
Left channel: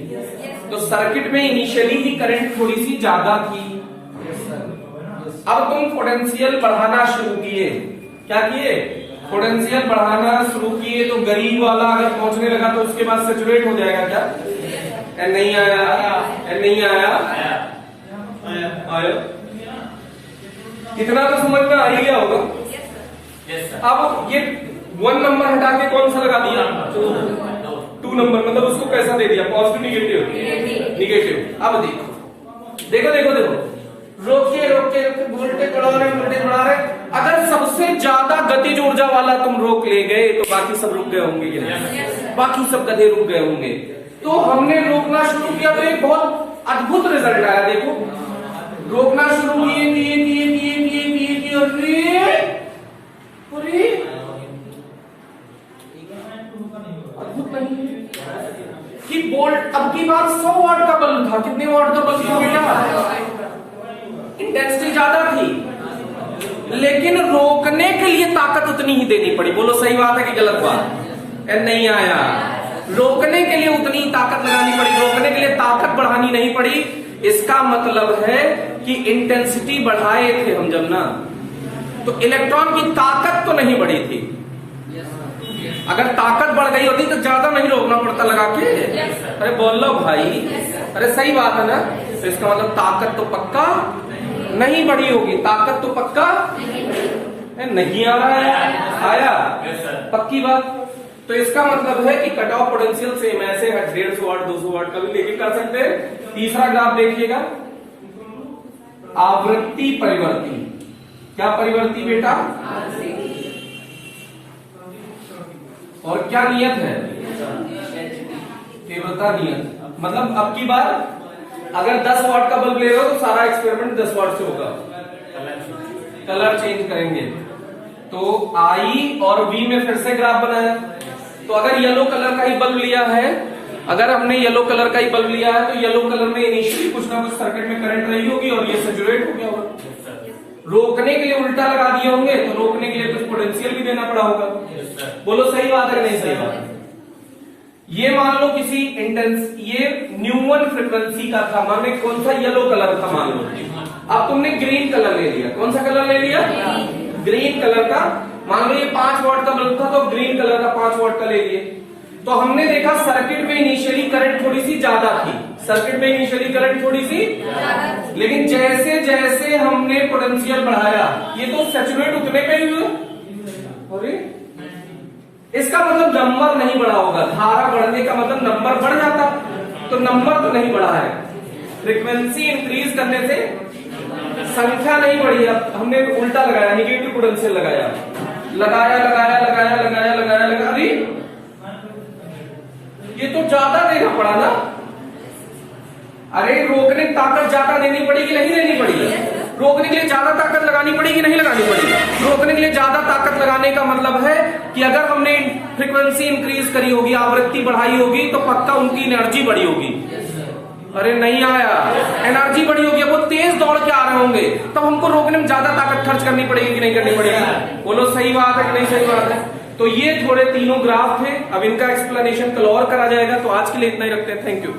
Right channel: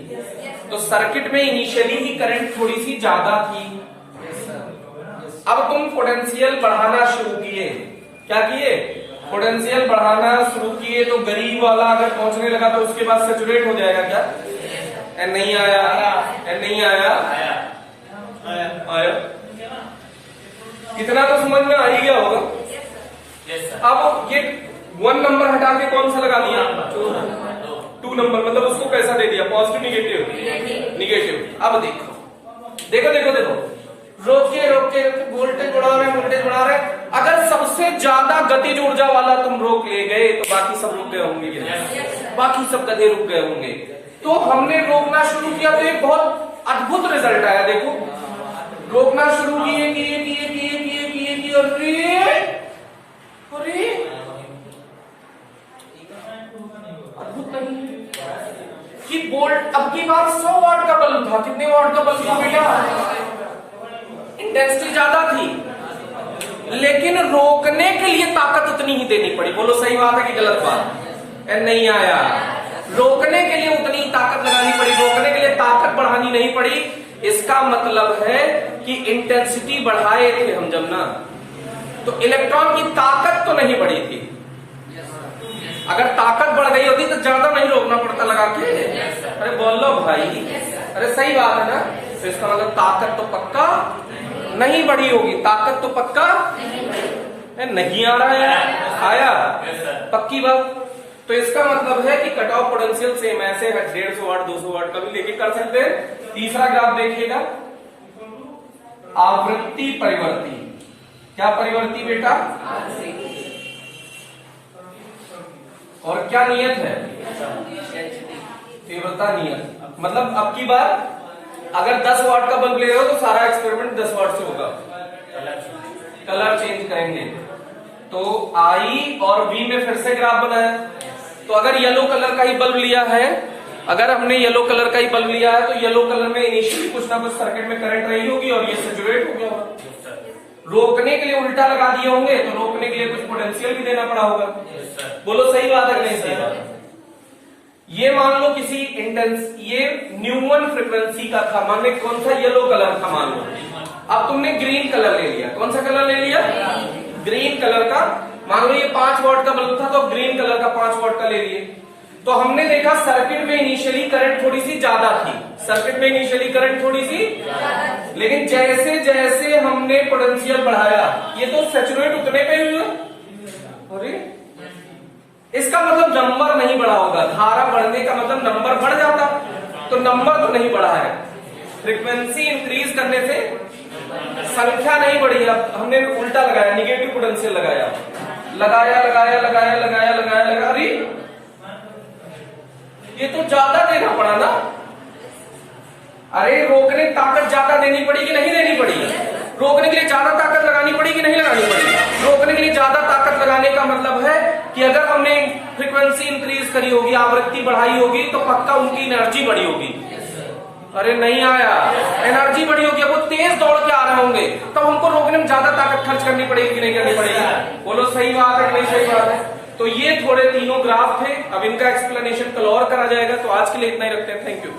तो सर्किट में इनिशियली ही करंट थोड़ी सी ज्यादा थी। अब तुम पोटेंशियल बढ़ाना शुरू किए। क्या किए? पोटेंशियल बढ़ाना शुरू किए। तो गरीब वाला अगर पहुंचने लगा तो उसके बाद सैचुरेट हो जाएगा क्या? नहीं आया, नहीं आया, आया। कितना तो समझ में आ ही गया होगा। अब ये 1 नंबर हटा के कौन सा लगा दिया? 2 नंबर, मतलब उसको पैसा दे दिया, पॉजिटिव निगेटिव निगेटिव। अब देखो देखो देखो देखो, रोकिए रोकिए, वोल्टेज बढ़ा रहे, वोल्टेज बढ़ा रहे। अगर सबसे ज्यादा गतिज ऊर्जा वाला तुम रोक ले गए तो बाकी सब रुक गए होंगे, बाकी सब गधे रुक गए होंगे। तो हमने रोकना शुरू किया तो एक बहुत अद्भुत रिजल्ट आया। देखो रोकना शुरू किए किए किए किए किए किए किए, अरे कि वोल्ट, अब की बार 100 वाट का बल्ब था। कितने वाट का बल्ब था बेटा? इंटेंसिटी ज्यादा थी, लेकिन रोकने के लिए ताकत उतनी ही देनी पड़ी। बोलो सही बात है कि गलत बात? नहीं आया। रोकने के लिए उतनी ताकत लगानी पड़ी, रोकने के लिए ताकत बढ़ानी नहीं पड़ी। इसका मतलब है कि इंटेंसिटी बढ़ाए थे हम जब ना, तो इलेक्ट्रॉन की ताकत तो नहीं बढ़ी थी। अगर ताकत बढ़ गई होती तो ज्यादा नहीं रोकना पड़ता लगा के। अरे बोलो भाई, अरे सही बात है ना? तो इसका मतलब ताकत तो पक्का नहीं बढ़ी होगी, ताकत तो पक्का नहीं आ रहा है, आया पक्की बात। तो इसका मतलब है कि कट ऑफ पोटेंशियल सेम ऐसे है, 150 वाट 200 वाट का भी लेके कर सकते हैं। तीसरा ग्राफ देखिएगा, आवृत्ति परिवर्ती। क्या परिवर्ती बेटा? और क्या नियत है? तीव्रता नियत। मतलब अब की बार अगर 10 वाट का बल्ब ले रहे हो तो सारा एक्सपेरिमेंट 10 वाट से होगा। कलर चेंज करेंगे तो आई और बी में फिर से ग्राफ बनाया। तो अगर येलो कलर का ही बल्ब लिया है, अगर हमने येलो कलर का ही बल्ब लिया है तो येलो कलर में इनिशियली कुछ ना कुछ सर्किट में करंट रही होगी और ये सैचुरेट हो गया होगा। रोकने के लिए उल्टा लगा दिए होंगे तो रोकने के लिए कुछ पोटेंशियल भी देना पड़ा होगा। बोलो सही बात है नहीं सही बात? ये मान लो किसी इंटेंस, ये न्यूमन फ्रीक्वेंसी का था, मान लो कौन सा? येलो कलर था मान लो। अब तुमने ग्रीन कलर ले लिया। कौन सा कलर ले लिया? ग्रीन कलर का। मान लो ये 5 वाट का बल्ब था तो ग्रीन कलर का 5 वाट का ले लिए। तो हमने देखा सर्किट में इनिशियली करंट थोड़ी सी ज्यादा थी, सर्किट में इनिशियली करंट थोड़ी सी, लेकिन जैसे जैसे हमने पोटेंशियल बढ़ाया ये तो सैचुरेट उतने पे ही हुए। इसका मतलब नंबर नहीं बढ़ा होगा। धारा बढ़ने का मतलब नंबर बढ़ जाता, तो नंबर तो नहीं बढ़ा है। फ्रीक्वेंसी इंक्रीज करने से संख्या नहीं बढ़ी। अब हमने उल्टा लगाया, निगेटिव पोटेंशियल लगाया, लगाया लगाया लगाया लगाया लगाया लगा, अरे ये तो ज्यादा देना पड़ा ना। अरे रोकने की ताकत ज्यादा देनी पड़ेगी, नहीं देनी पड़ेगी? रोकने के लिए ज्यादा ताकत लगानी पड़ेगी, नहीं लगानी पड़ेगी? रोकने के लिए ज्यादा ताकत लगाने का मतलब है कि अगर हमने फ्रीक्वेंसी इंक्रीज करी होगी, आवृत्ति बढ़ाई होगी, तो पक्का उनकी एनर्जी बढ़ी होगी। अरे नहीं आया, एनर्जी बढ़ी होगी, वो तेज दौड़ के आ रहे होंगे, तब हमको रोकने में ज्यादा ताकत खर्च करनी पड़ेगी कि नहीं करनी पड़ेगी? बोलो सही बात है कि नहीं सही बात है? तो ये थोड़े तीनों ग्राफ थे, अब इनका एक्सप्लेनेशन कल और करा जाएगा। तो आज के लिए इतना ही रखते हैं, थैंक यू।